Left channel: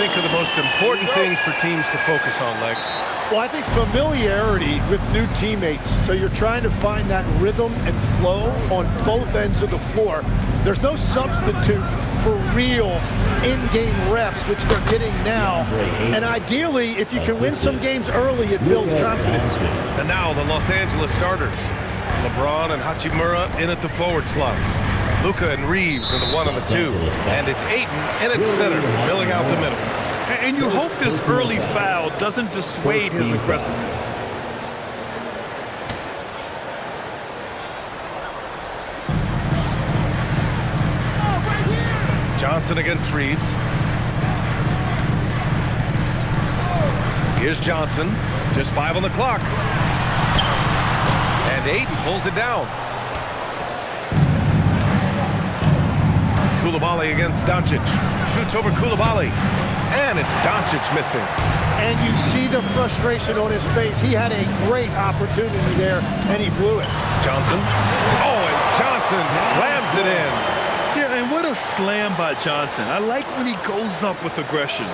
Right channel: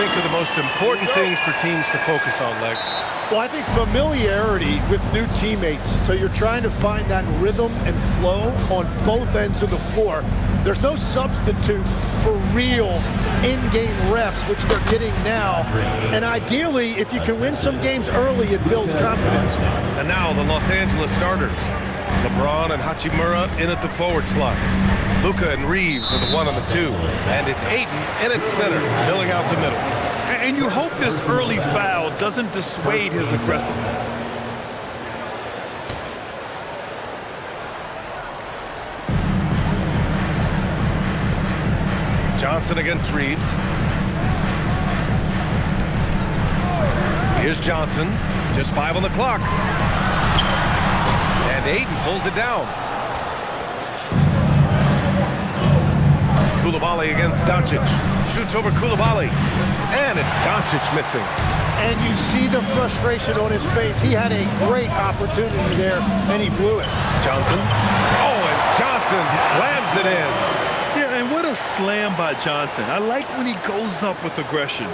think are the most important things for teams to focus on, Legs? Well, I think familiarity with new teammates. So you're trying to find that rhythm and flow on both ends of the floor. There's no substitute for real in-game reps, which they're getting now. And ideally, if you can win some games early, it builds confidence. And now the Los Angeles starters. LeBron and Hachimura in at the forward slots. Luka and Reeves are the 1 and the 2. And it's Ayton in at center, filling out the middle. And you hope this early foul doesn't dissuade his aggressiveness. Johnson against Reeves. Here's Johnson, just 5 on the clock. And Ayton pulls it down. Coulibaly against Doncic. Shoots over Coulibaly. And it's Doncic missing. And you see the frustration on his face. He had a great opportunity there, and he blew it. Johnson. Oh, and Johnson slams it in. Yeah, and what a slam by Johnson. I like when he goes up with aggression.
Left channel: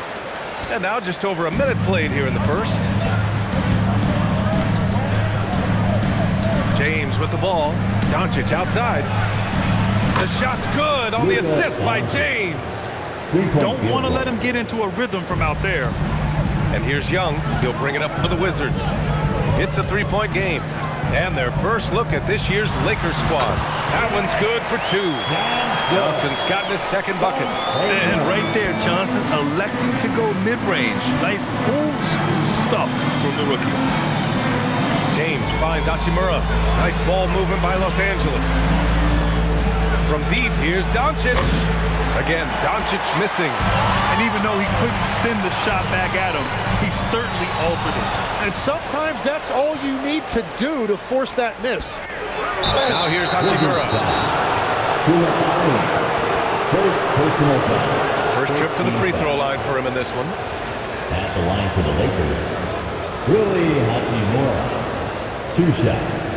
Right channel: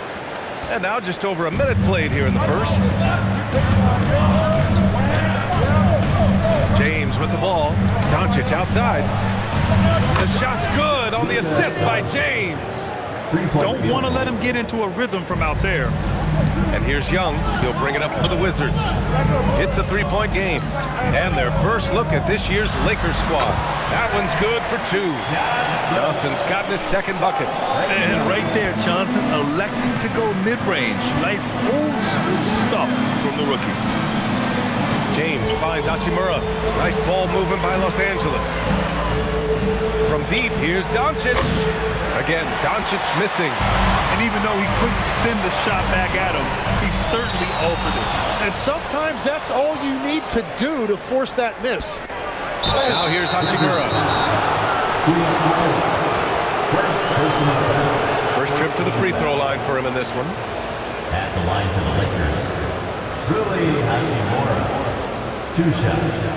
And now just over a minute played here in the first. James with the ball. Doncic outside. The shot's good on the assist by James. Don't want to let him get into a rhythm from out there. And here's Young. He'll bring it up for the Wizards. It's a three-point game. And their first look at this year's Lakers squad. That one's good for 2. Johnson's gotten his second bucket. And right there, Johnson electing to go mid-range. Nice old school stuff from the rookie. James finds Hachimura. Nice ball movement by Los Angeles. From deep, here's Doncic. Again, Doncic missing. And even though he couldn't send the shot back at him, he certainly altered it. And sometimes that's all you need to do to force that miss. Now here's Hachimura. First trip to the free throw line for him in this one. At the line for the Lakers, Rui Hachimura. 2 shots.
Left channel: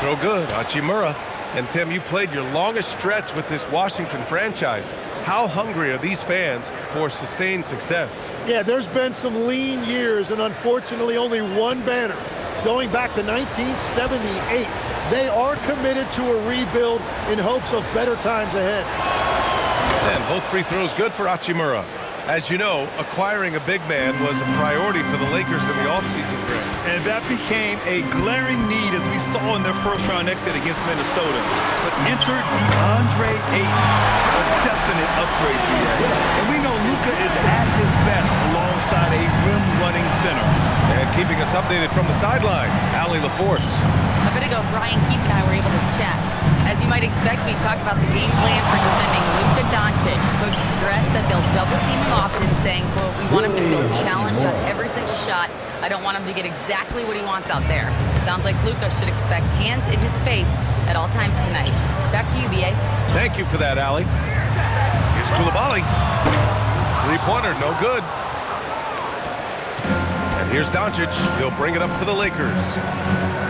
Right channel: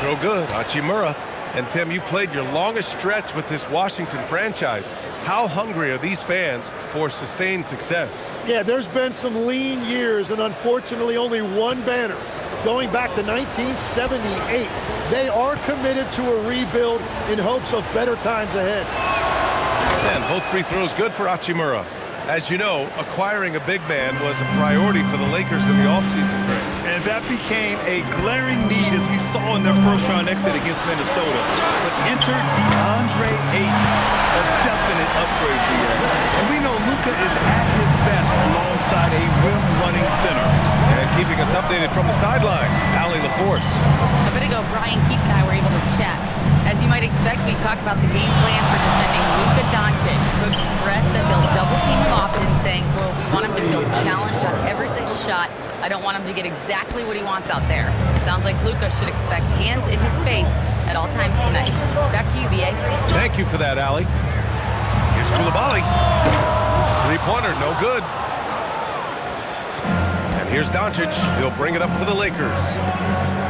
Throw good, Hachimura. And Tim, you played your longest stretch with this Washington franchise. How hungry are these fans for sustained success? Yeah, there's been some lean years and unfortunately only one banner. Going back to 1978, they are committed to a rebuild in hopes of better times ahead. And both free throws good for Hachimura. As you know, acquiring a big man was a priority for the Lakers in the offseason, Greg. And that became a glaring need as we saw in their first-round exit against Minnesota. But enter DeAndre Ayton, a definite upgrade, BA. And we know Luka is at his best alongside a rim-running center. And keeping us updated from the sideline, Allie LaForce. A bit ago, Brian Keefe and I were able to chat. As you might expect, we talked about the game plan for defending Luka Doncic. Coach stressed that they'll double-team him often, saying, quote, we want him to feel challenged on every single shot. I don't want him to get exactly what he wants out there. Sounds like Luka should expect hands in his face at all times tonight. Back to you, B.A. Thank you for that, Allie. Here's Coulibaly. Three-pointer, no good. And here's Doncic. He'll bring it up for the Lakers.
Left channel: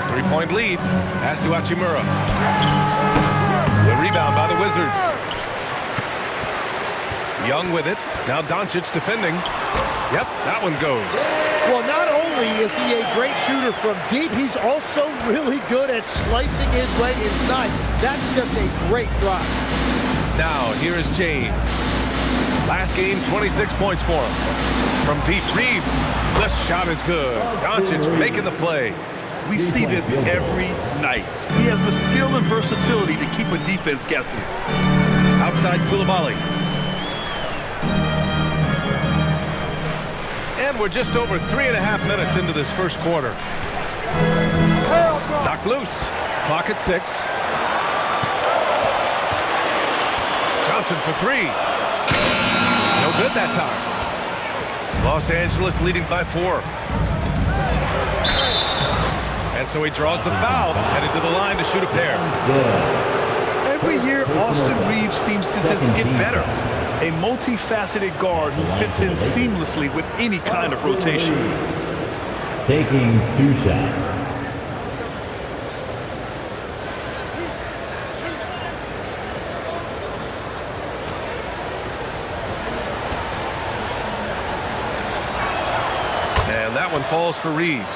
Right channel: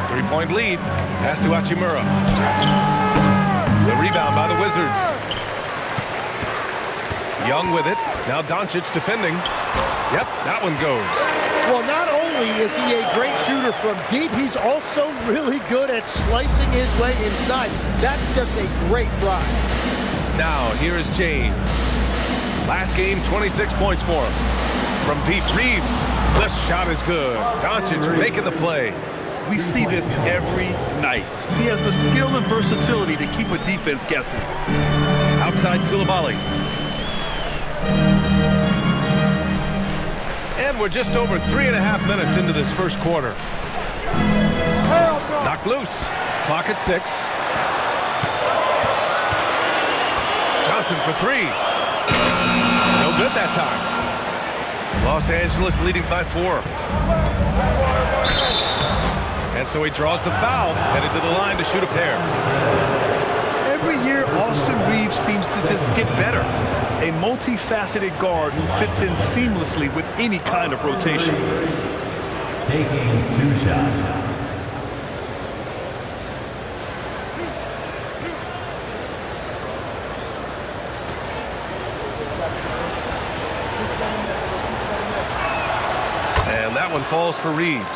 3-point lead. Pass to Hachimura. The rebound by the Wizards. Young with it. Now Doncic defending. Yep, that one goes. Well, not only is he a great shooter from deep, he's also really good at slicing his way inside. That's just a great drive. Now, here is James. Last game, 26 points for him. From deep, Reeves. The shot is good. Doncic making the play. We see this every night. He has the skill and versatility to keep a defense guessing. Outside Coulibaly. And we're just over 3.5 minutes into this first quarter. Knocked loose. Clock at 6. Johnson for 3. No good that time. Los Angeles leading by 4. And so he draws the foul, headed to the line to shoot a pair. every year, Austin Reeves seems to just get better. A multifaceted guard who fits in seamlessly with any kind of rotation. Taking 2 shots. And that one falls for Reeves.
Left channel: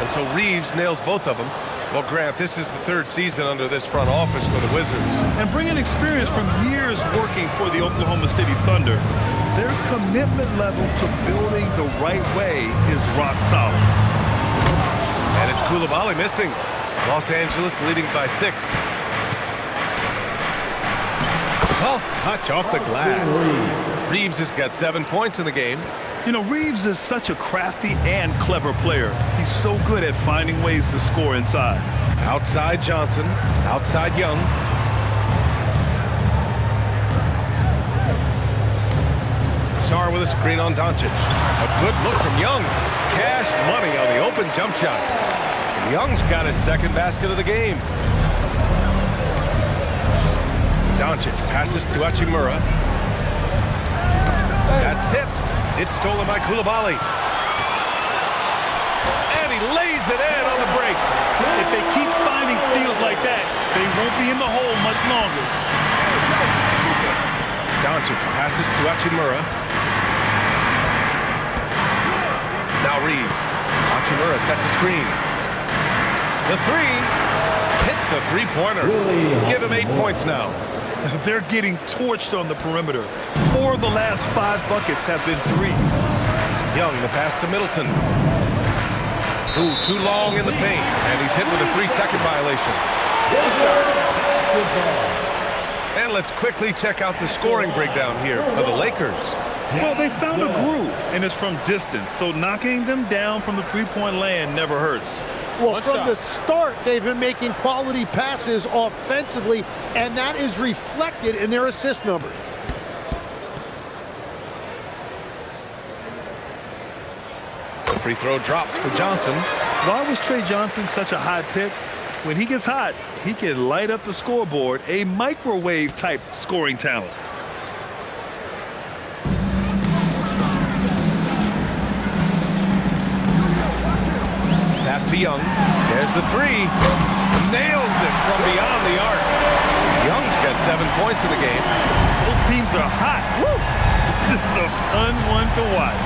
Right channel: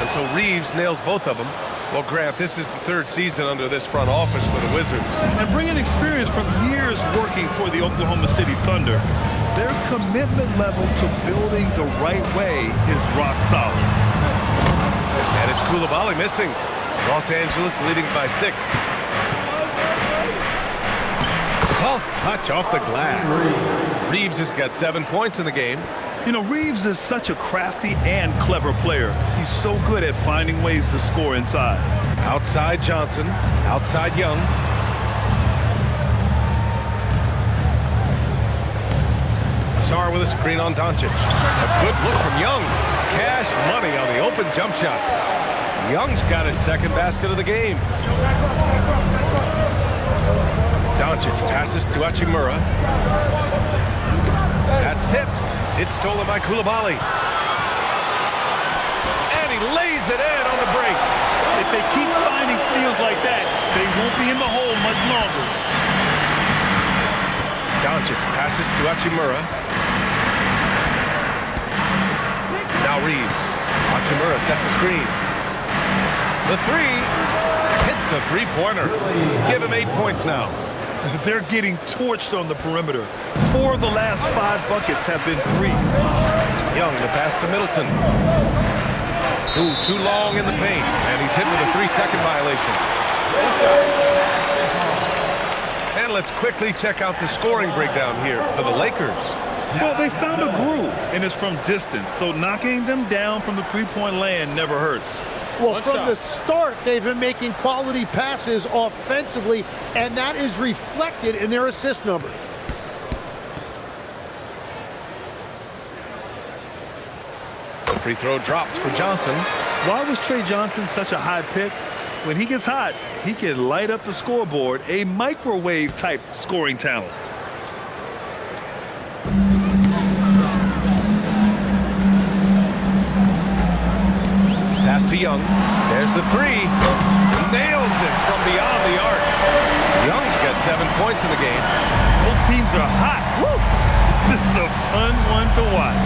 And so Reeves nails both of them. Well, Grant, this is the 3rd season under this front office for the Wizards. And bringing experience from years working for the Oklahoma City Thunder, their commitment level to building the right way is rock solid. And it's Coulibaly missing. Los Angeles leading by 6. Soft touch off the glass. Reeves has got 7 points in the game. You know, Reeves is such a crafty and clever player. He's so good at finding ways to score inside. Outside Johnson, outside Young. Sarr with a screen on Doncic. A good look from Young. Cash money on the open jump shot. Young's got his 2nd basket of the game. Doncic passes to Hachimura. That's tipped. It's stolen by Coulibaly. And he lays it in on the break. If they keep finding steals like that, they won't be in the hole much longer. Doncic passes to Hachimura. Now Reeves. Hachimura sets a screen. The 3 hits a 3-pointer. Give him 8 points now. They're getting torched on the perimeter. 4 of the last 5 buckets have been threes. Young, the pass to Middleton. Too long in the paint, and he's hit with a 3-second violation. And let's quickly check out the scoring breakdown here for the Lakers. Well, they found a groove, and it's from distance, so knocking them down from the 3-point land never hurts. Well, from the start, they've been making quality passes offensively, and that is reflected in their assist numbers. The free throw drops for Johnson. Why was Trae Johnson such a high pick? When he gets hot, he can light up the scoreboard, a microwave-type scoring talent. Pass to Young. There's the 3. Nails it from beyond the arc. Young's got 7 points in the game. Both teams are hot. Woo! This is a fun one to watch.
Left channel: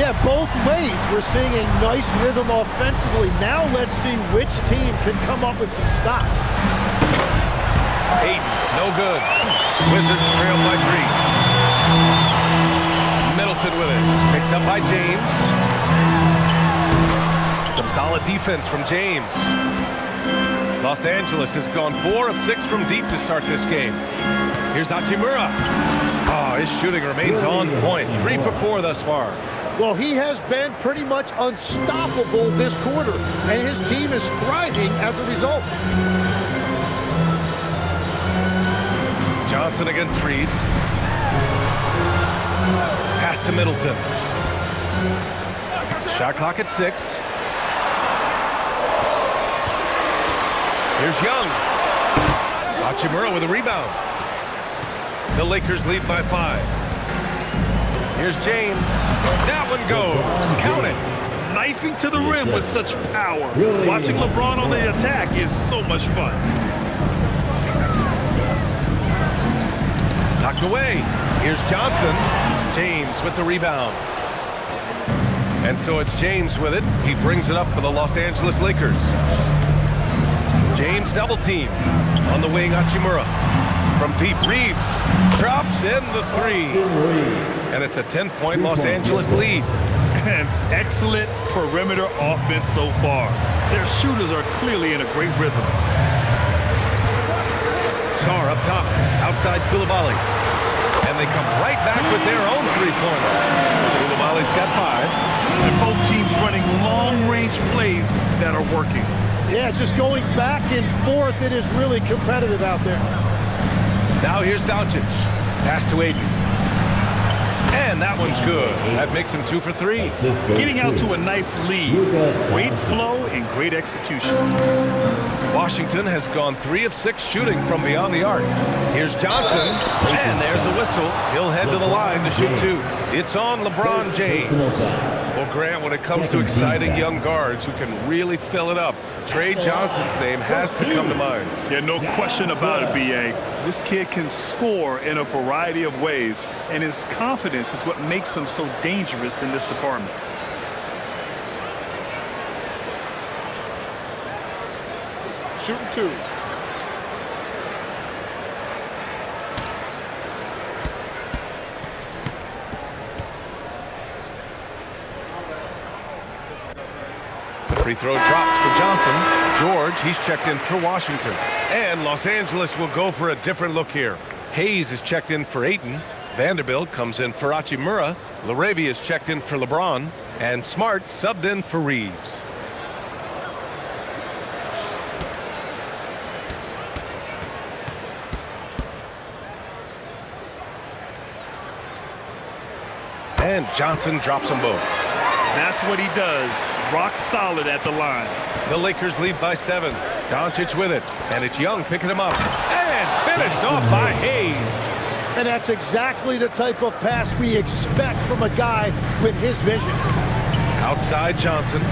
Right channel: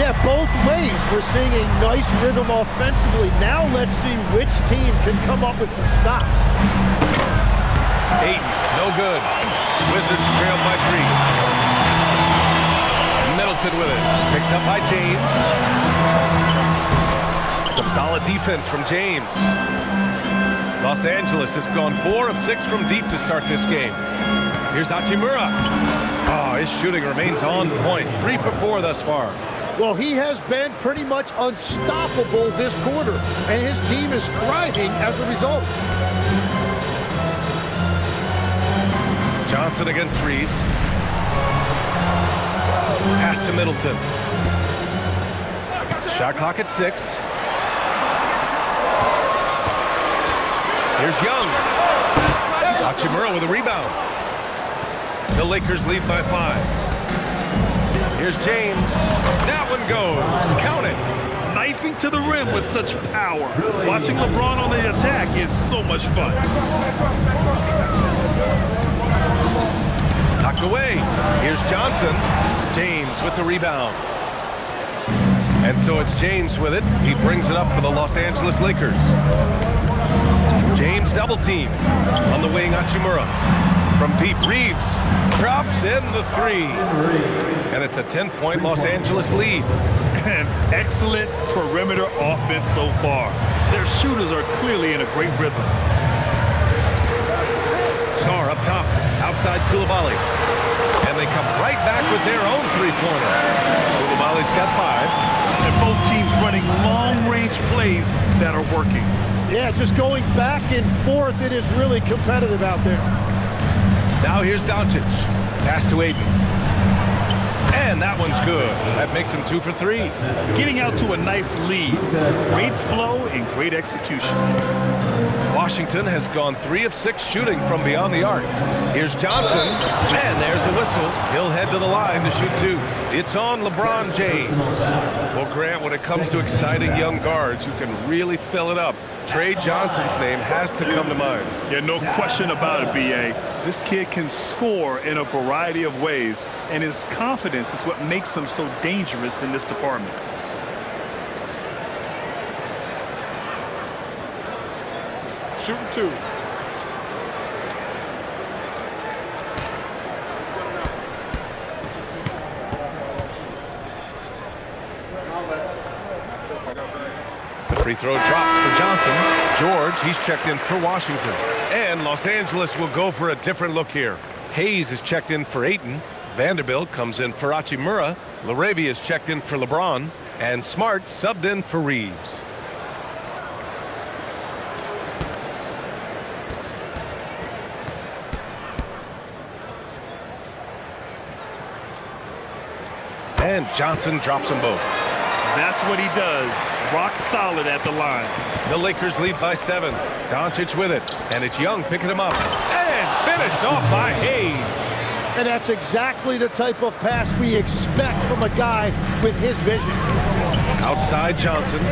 Yeah, both ways. We're seeing a nice rhythm offensively. Now let's see which team can come up with some stops. Ayton, no good. Wizards trailed by 3. Middleton with it. Picked up by James. Some solid defense from James. Los Angeles has gone 4 of 6 from deep to start this game. Here's Hachimura. Oh, his shooting remains on point. 3 for 4 thus far. Well, he has been pretty much unstoppable this quarter, and his team is thriving as a result. Johnson against Reeves. Pass to Middleton. Shot clock at 6. Here's Young. Hachimura with a rebound. The Lakers lead by 5. Here's James. That one goes. Count it. Knifing to the rim with such power. Watching LeBron on the attack is so much fun. Knocked away. Here's Johnson. James with the rebound. And so it's James with it. He brings it up for the Los Angeles Lakers. James double teamed on the wing. Hachimura from deep. Reeves drops in the 3. And it's a 10-point Los Angeles lead. And excellent perimeter offense so far. Their shooters are clearly in a great rhythm. Sarr up top, outside Coulibaly. And they come right back with their own 3-pointer. Coulibaly's got 5. And both teams running long-range plays that are working. Yeah, just going back and forth. It is really competitive out there. Now here's Doncic. Pass to Aiden. And that one's good. That makes him 2 for 3. Getting out to a nice lead. Great flow and great execution. Washington has gone 3 of 6 shooting from beyond the arc. Here's Johnson, and there's a whistle. He'll head to the line to shoot 2. It's on LeBron James. Well, Grant, when it comes to exciting young guards who can really fill it up, Trae Johnson's name has to come to mind. Yeah, no question about it, B.A. This kid can score in a variety of ways, and his confidence is what makes him so dangerous in this department. Shooting 2. The free throw drops for Johnson. George, he's checked in for Washington. And Los Angeles will go for a different look here. Hayes is checked in for Ayton. Vanderbilt comes in for Hachimura. LaRavia is checked in for LeBron. And Smart subbed in for Reeves. And Johnson drops them both. That's what he does. Rock solid at the line. The Lakers lead by 7. Doncic with it. And it's Young picking him up. And finished off by Hayes. And that's exactly the type of pass we expect from a guy with his vision. Outside Johnson.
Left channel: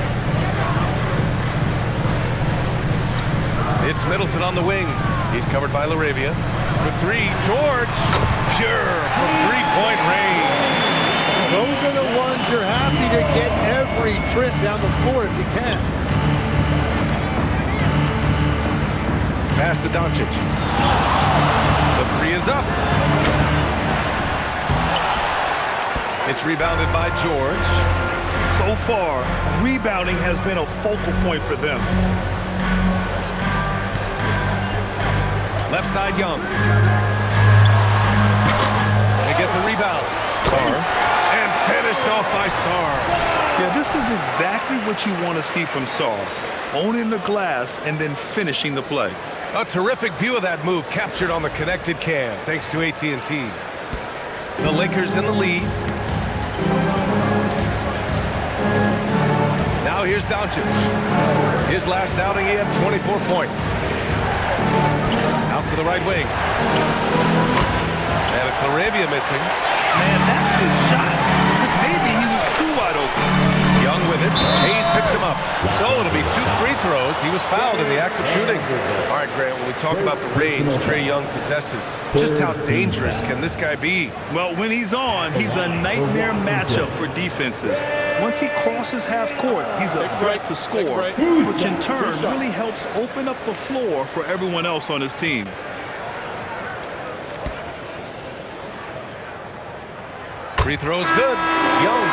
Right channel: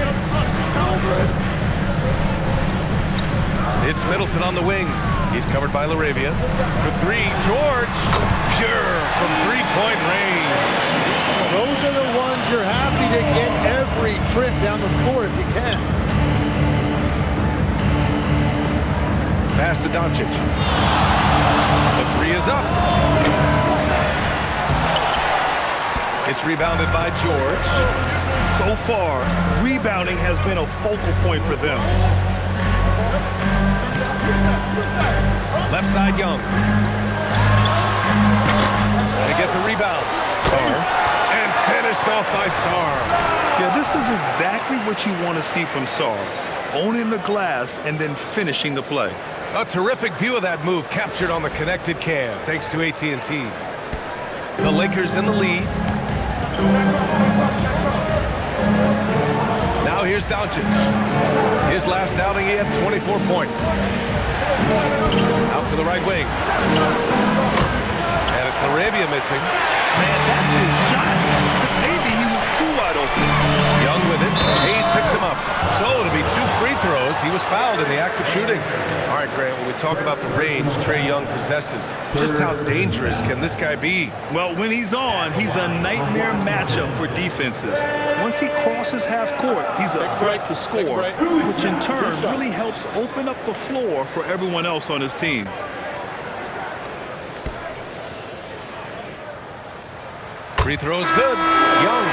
It's Middleton on the wing. He's covered by LaRavia. For 3, George. Pure from three-point range. Those are the ones you're happy to get every trip down the floor if you can. Pass to Doncic. The 3 is up. It's rebounded by George. So far, rebounding has been a focal point for them. Left side, Young. They get the rebound. Sarr. And finished off by Sarr. Yeah, this is exactly what you want to see from Sarr. Owning the glass and then finishing the play. A terrific view of that move captured on the connected cam, thanks to AT&T. The Lakers in the lead. Now here's Doncic. His last outing, he had 24 points. Out to the right wing. And it's LaRavia missing. Man, that's his shot. Maybe he was too wide open. Young with it. Hayes picks him up. So it'll be 2 free throws. He was fouled in the act of shooting. All right, Grant, when we talk about the range Trae Young possesses, just how dangerous can this guy be? Well, when he's on, he's a nightmare matchup for defenses. Once he crosses half court, he's a threat to score, which in turn really helps open up the floor for everyone else on his team. Free throw is good. Young.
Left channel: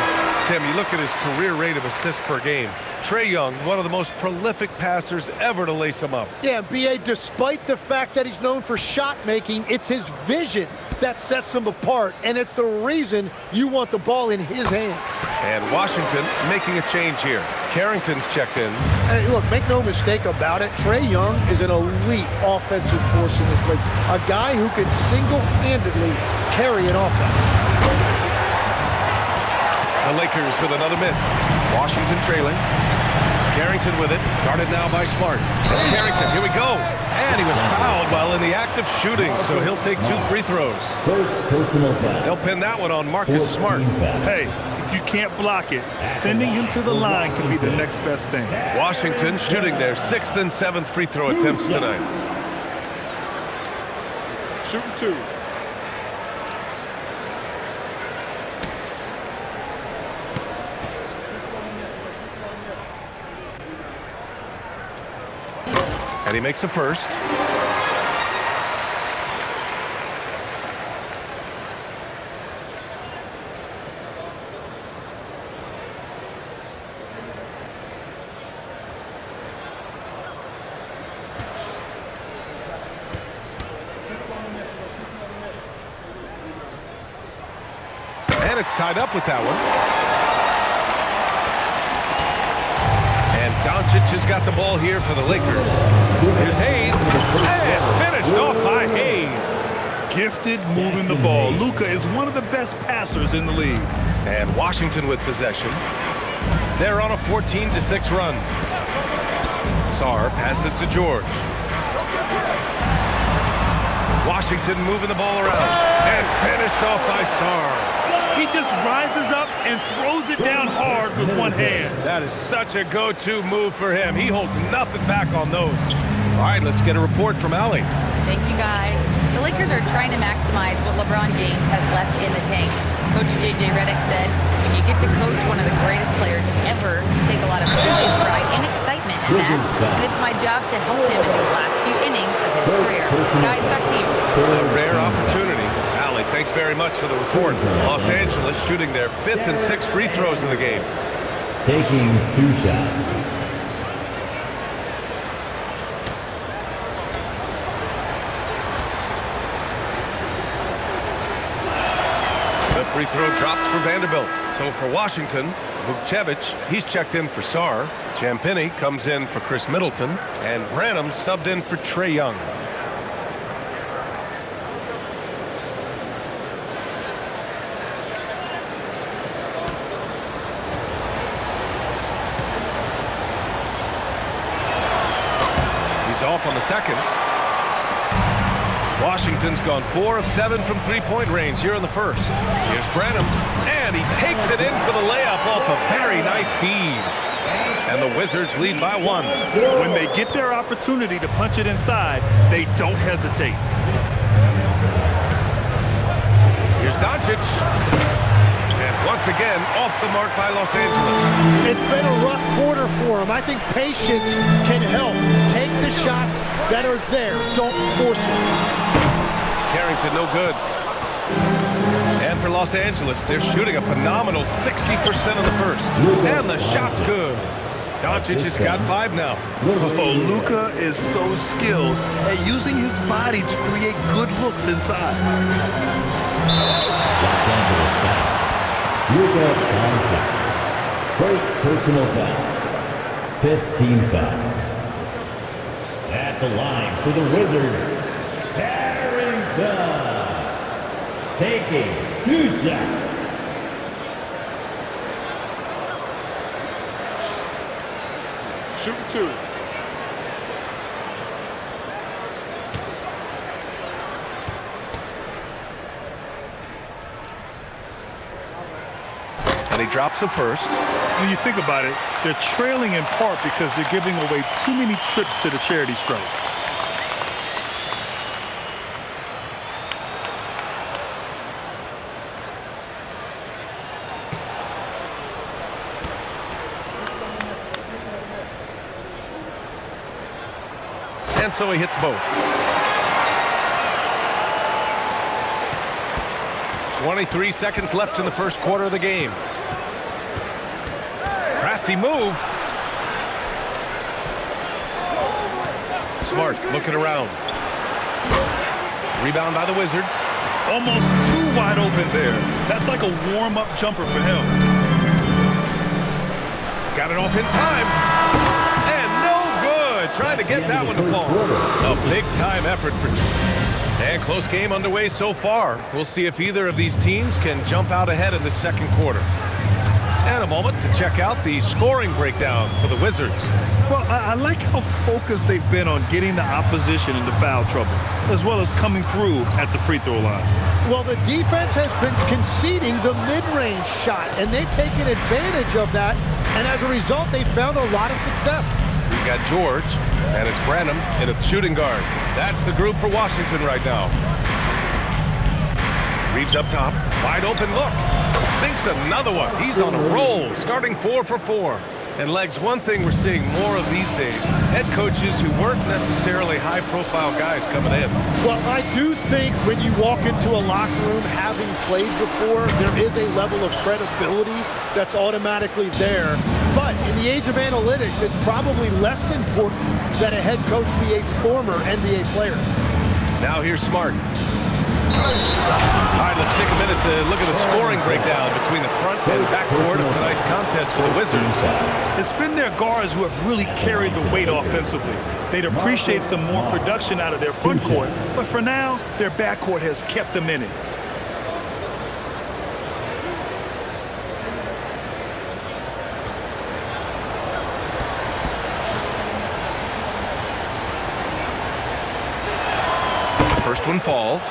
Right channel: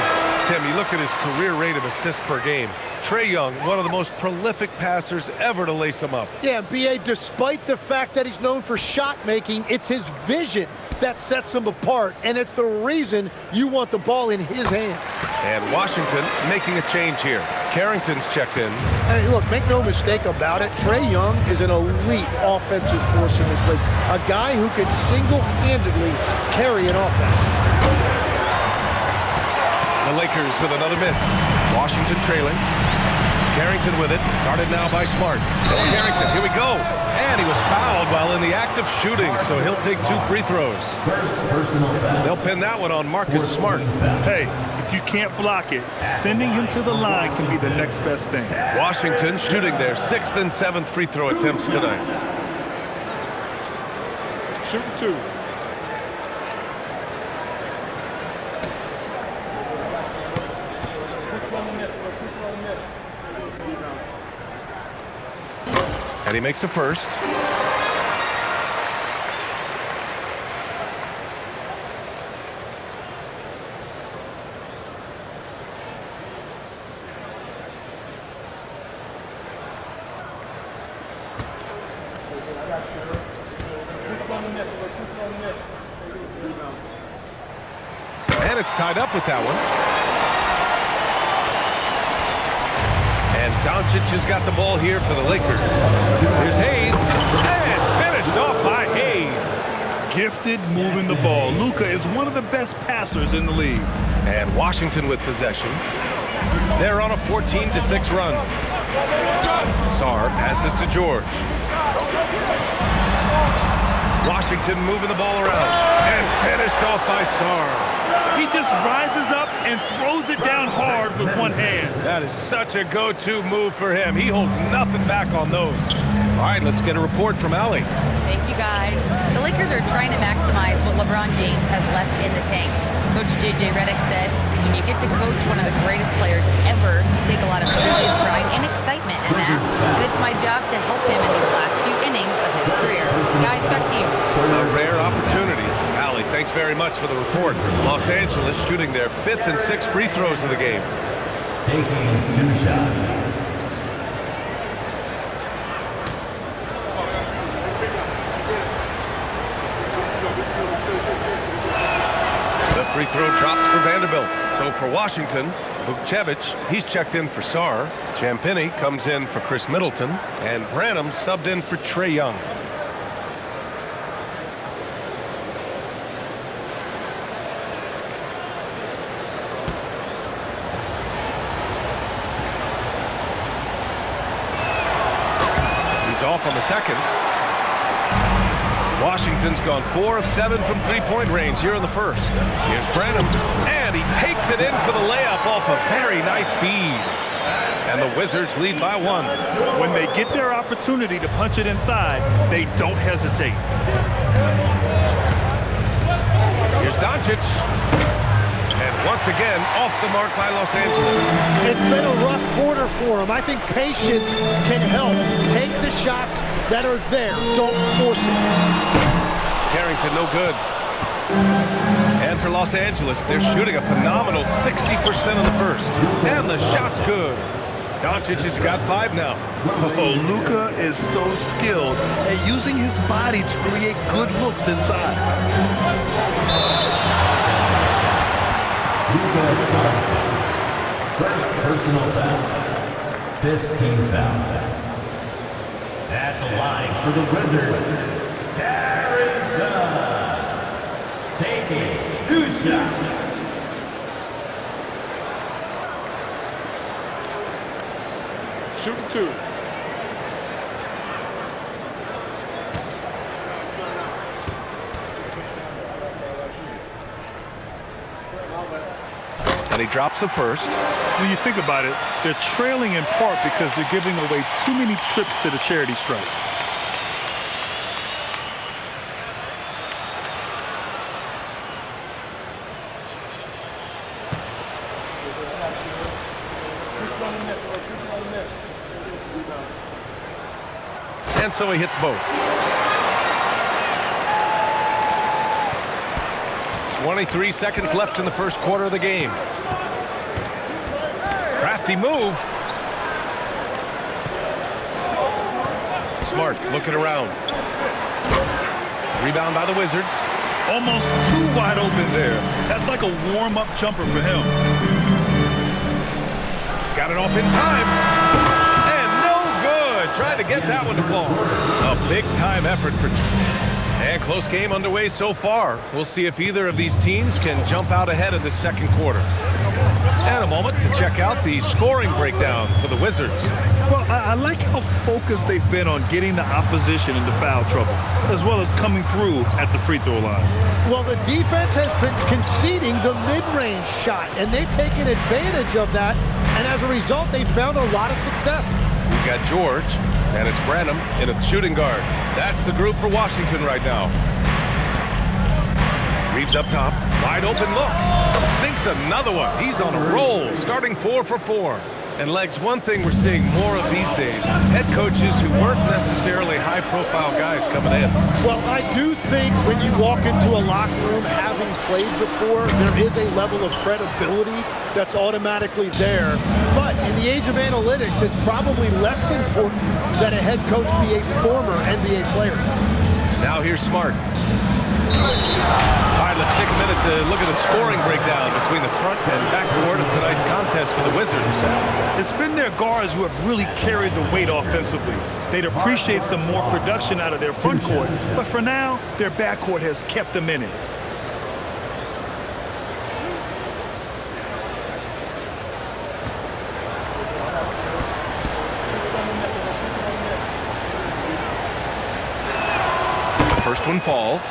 Tim, you look at his career rate of assists per game. Trae Young, one of the most prolific passers ever to lace him up. Yeah, B.A., despite the fact that he's known for shot making, it's his vision that sets him apart, and it's the reason you want the ball in his hands. And Washington making a change here. Carrington's checked in. Hey, look, make no mistake about it, Trae Young is an elite offensive force in this league. A guy who can single-handedly carry an offense. The Lakers with another miss. Washington trailing. Carrington with it. Guarded now by Smart. Carrington, here we go. And he was fouled while in the act of shooting, so he'll take 2 free throws. First personal foul. They'll pin that one on Marcus Smart. Hey, if you can't block it, sending him to the line can be the next best thing. Washington shooting their 6th and 7th free throw attempts tonight. Shooting 2. And he makes a first. And it's tied up with that one. And Doncic has got the ball here for the Lakers. Here's Hayes, and finished off by Hayes. Gifted moving the ball. Luka is one of the best passers in the league. And Washington with possession. They're on a 14-6 run. Sarr passes to George. Washington moving the ball around. And finished off by Sarr. He just rises up and throws it down hard with one hand. That is such a go-to move for him. He holds nothing back on those. All right, let's get a report from Allie. Thank you, guys. The Lakers are trying to maximize what LeBron James has left in the tank. Coach J.J. Redick said, when you get to coach one of the greatest players ever, you take a lot of joy and pride and excitement in that. And it's my job to help him in these last few innings of his career. Guys, back to you. A rare opportunity. Allie, thanks very much for the report. Los Angeles shooting their 5th and 6th free throws of the game. Taking 2 shots. The free throw drops for Vanderbilt. So for Washington, Vukcevic, he's checked in for Sarr. Champagnie comes in for Chris Middleton. And Branham subbed in for Trae Young. He's off on the second. Washington's gone 4 of 7 from three-point range here in the first. Here's Branham, and he takes it in for the layup off a very nice feed. And the Wizards lead by 1. When they get their opportunity to punch it inside, they don't hesitate. Here's Doncic. And once again, off the mark by Los Angeles. It's been a rough quarter for him. I think patience can help. Take the shots that are there. Don't force it. Carrington, no good. And for Los Angeles, they're shooting a phenomenal 60% in the first. And the shot's good. Doncic has got 5 now. Oh, Luka is so skilled at using his body to create good looks inside. Luka Doncic. First personal foul. 15 foul. At the line for the Wizards, Harrington. Taking 2 shots. Shooting 2. And he drops the first. When you think about it, they're trailing in part because they're giving away too many trips to the charity stripe. And so he hits both. 23 seconds left in the first quarter of the game. Crafty move. Smart looking around. Rebound by the Wizards. Almost too wide open there. That's like a warm-up jumper for him. Got it off in time. And no good. Trying to get that one to fall. A big-time effort for Trae. And close game underway so far. We'll see if either of these teams can jump out ahead in the second quarter. And a moment to check out the scoring breakdown for the Wizards. Well, I like how focused they've been on getting the opposition into foul trouble, as well as coming through at the free throw line. Well, the defense has been conceding the mid-range shot, and they've taken advantage of that, and as a result, they've found a lot of success. We've got George, and it's Branham in a shooting guard. That's the group for Washington right now. Reeves up top, wide open look. Sinks another one. He's on a roll, starting 4 for 4. And Legs, one thing we're seeing more of these days, head coaches who weren't necessarily high-profile guys coming in. Well, I do think when you walk into a locker room having played before, there is a level of credibility that's automatically there. But in the age of analytics, it's probably less important that a head coach be a former NBA player. Now here's Smart. All right, let's take a minute to look at the scoring breakdown between the front and backcourt of tonight's contest for the Wizards. It's been their guards who have really carried the weight offensively. They'd appreciate some more production out of their front court, but for now, their backcourt has kept them in it. The first one falls.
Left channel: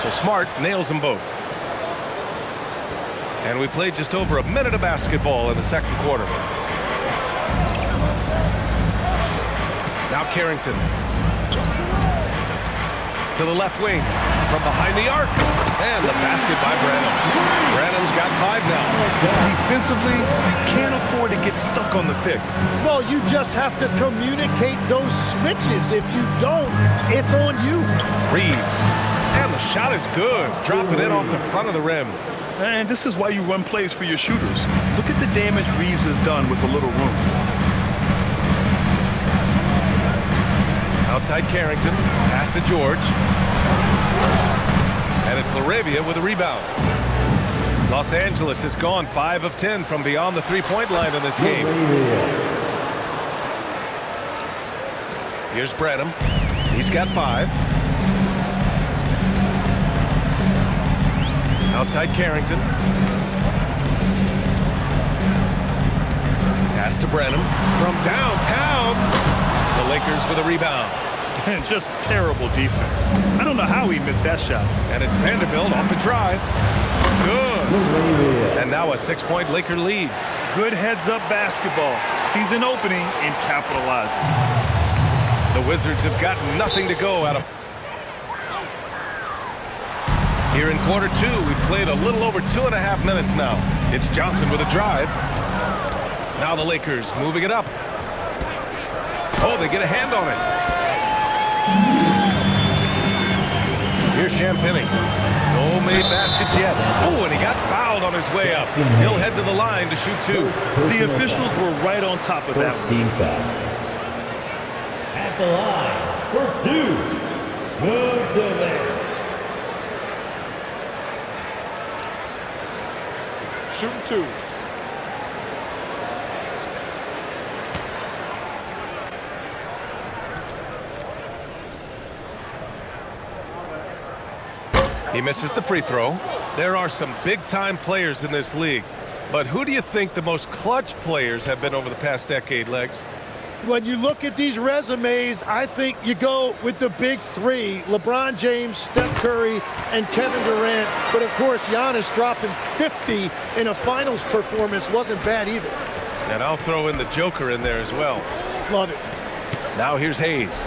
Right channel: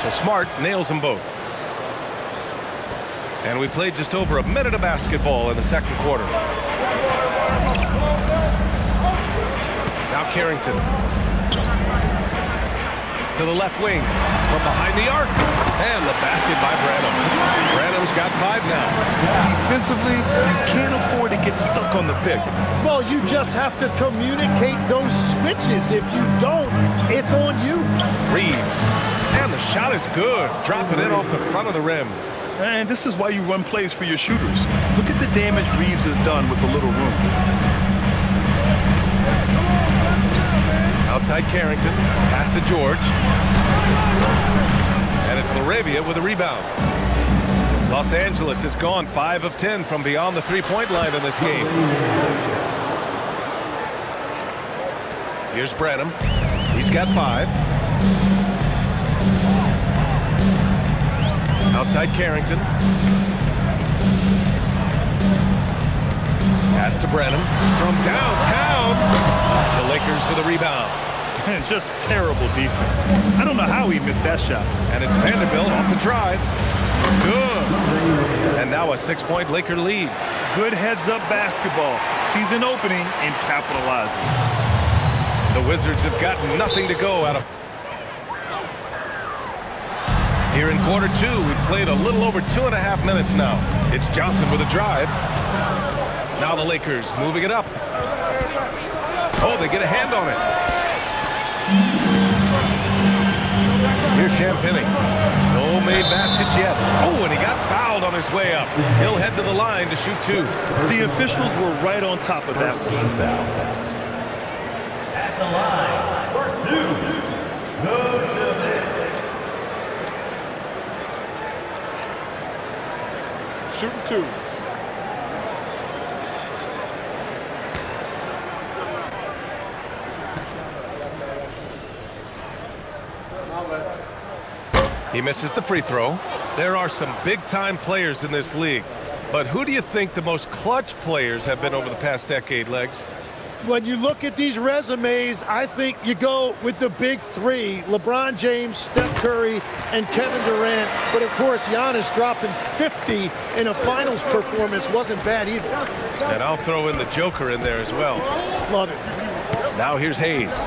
So Smart nails them both. And we played just over a minute of basketball in the second quarter. Now Carrington. To the left wing. From behind the arc. And the basket by Branham. Branham's got 5 now. Defensively, you can't afford to get stuck on the pick. Well, you just have to communicate those switches. If you don't, it's on you. Reeves. And the shot is good. Dropping in off the front of the rim. And this is why you run plays for your shooters. Look at the damage Reeves has done with a little room. Outside Carrington. Pass to George. And it's LaRavia with a rebound. Los Angeles has gone 5 of 10 from beyond the three-point line in this game. Here's Branham. He's got 5. Outside Carrington. Pass to Branham from downtown. The Lakers with a rebound. And just terrible defense. I don't know how he missed that shot. And it's Vanderbilt off the drive. Good. And now a 6-point Laker lead. Good heads-up basketball. Season opening and capitalizes. The Wizards have got nothing to go out of. Here in quarter 2, we've played a little over 2.5 minutes now. It's Johnson with a drive. Now the Lakers moving it up. Oh, they get a hand on it. Here's Champagny. No made baskets yet. Oh, and he got fouled on his way up. He'll head to the line to shoot 2. The officials were right on top of that First team foul. At the line for 2. Go to the Shooting 2. He misses the free throw. There are some big-time players in this league. But who do you think the most clutch players have been over the past decade, Legs? When you look at these resumes, I think you go with the big 3, LeBron James, Steph Curry, and Kevin Durant. But, of course, Giannis dropping 50 in a finals performance wasn't bad either. And I'll throw in the Joker in there as well. Love it. Now here's Hayes.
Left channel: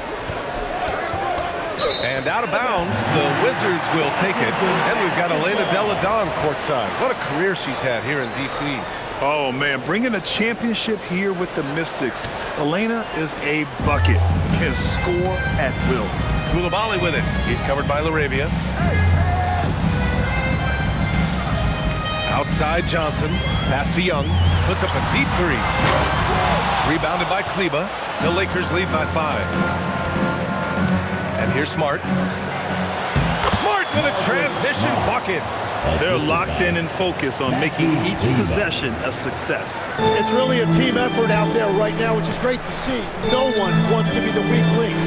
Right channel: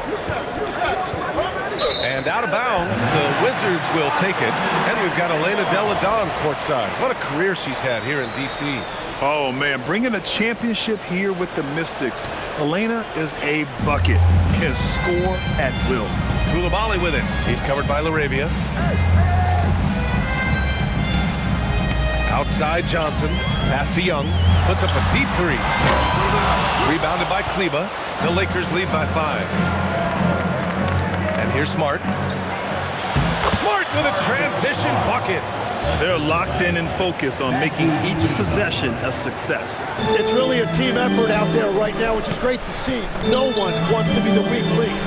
And out of bounds, the Wizards will take it. And we've got Elena Delle Donne courtside. What a career she's had here in D.C. Oh, man, bringing a championship here with the Mystics. Elena is a bucket, can score at will. Coulibaly with it. He's covered by LaRavia. Outside Johnson. Pass to Young. Puts up a deep 3. It's rebounded by Kleba. The Lakers lead by 5. And here's Smart. Smart with a transition bucket. They're locked in and focused on making each possession a success. It's really a team effort out there right now, which is great to see. No one wants to be the weak link.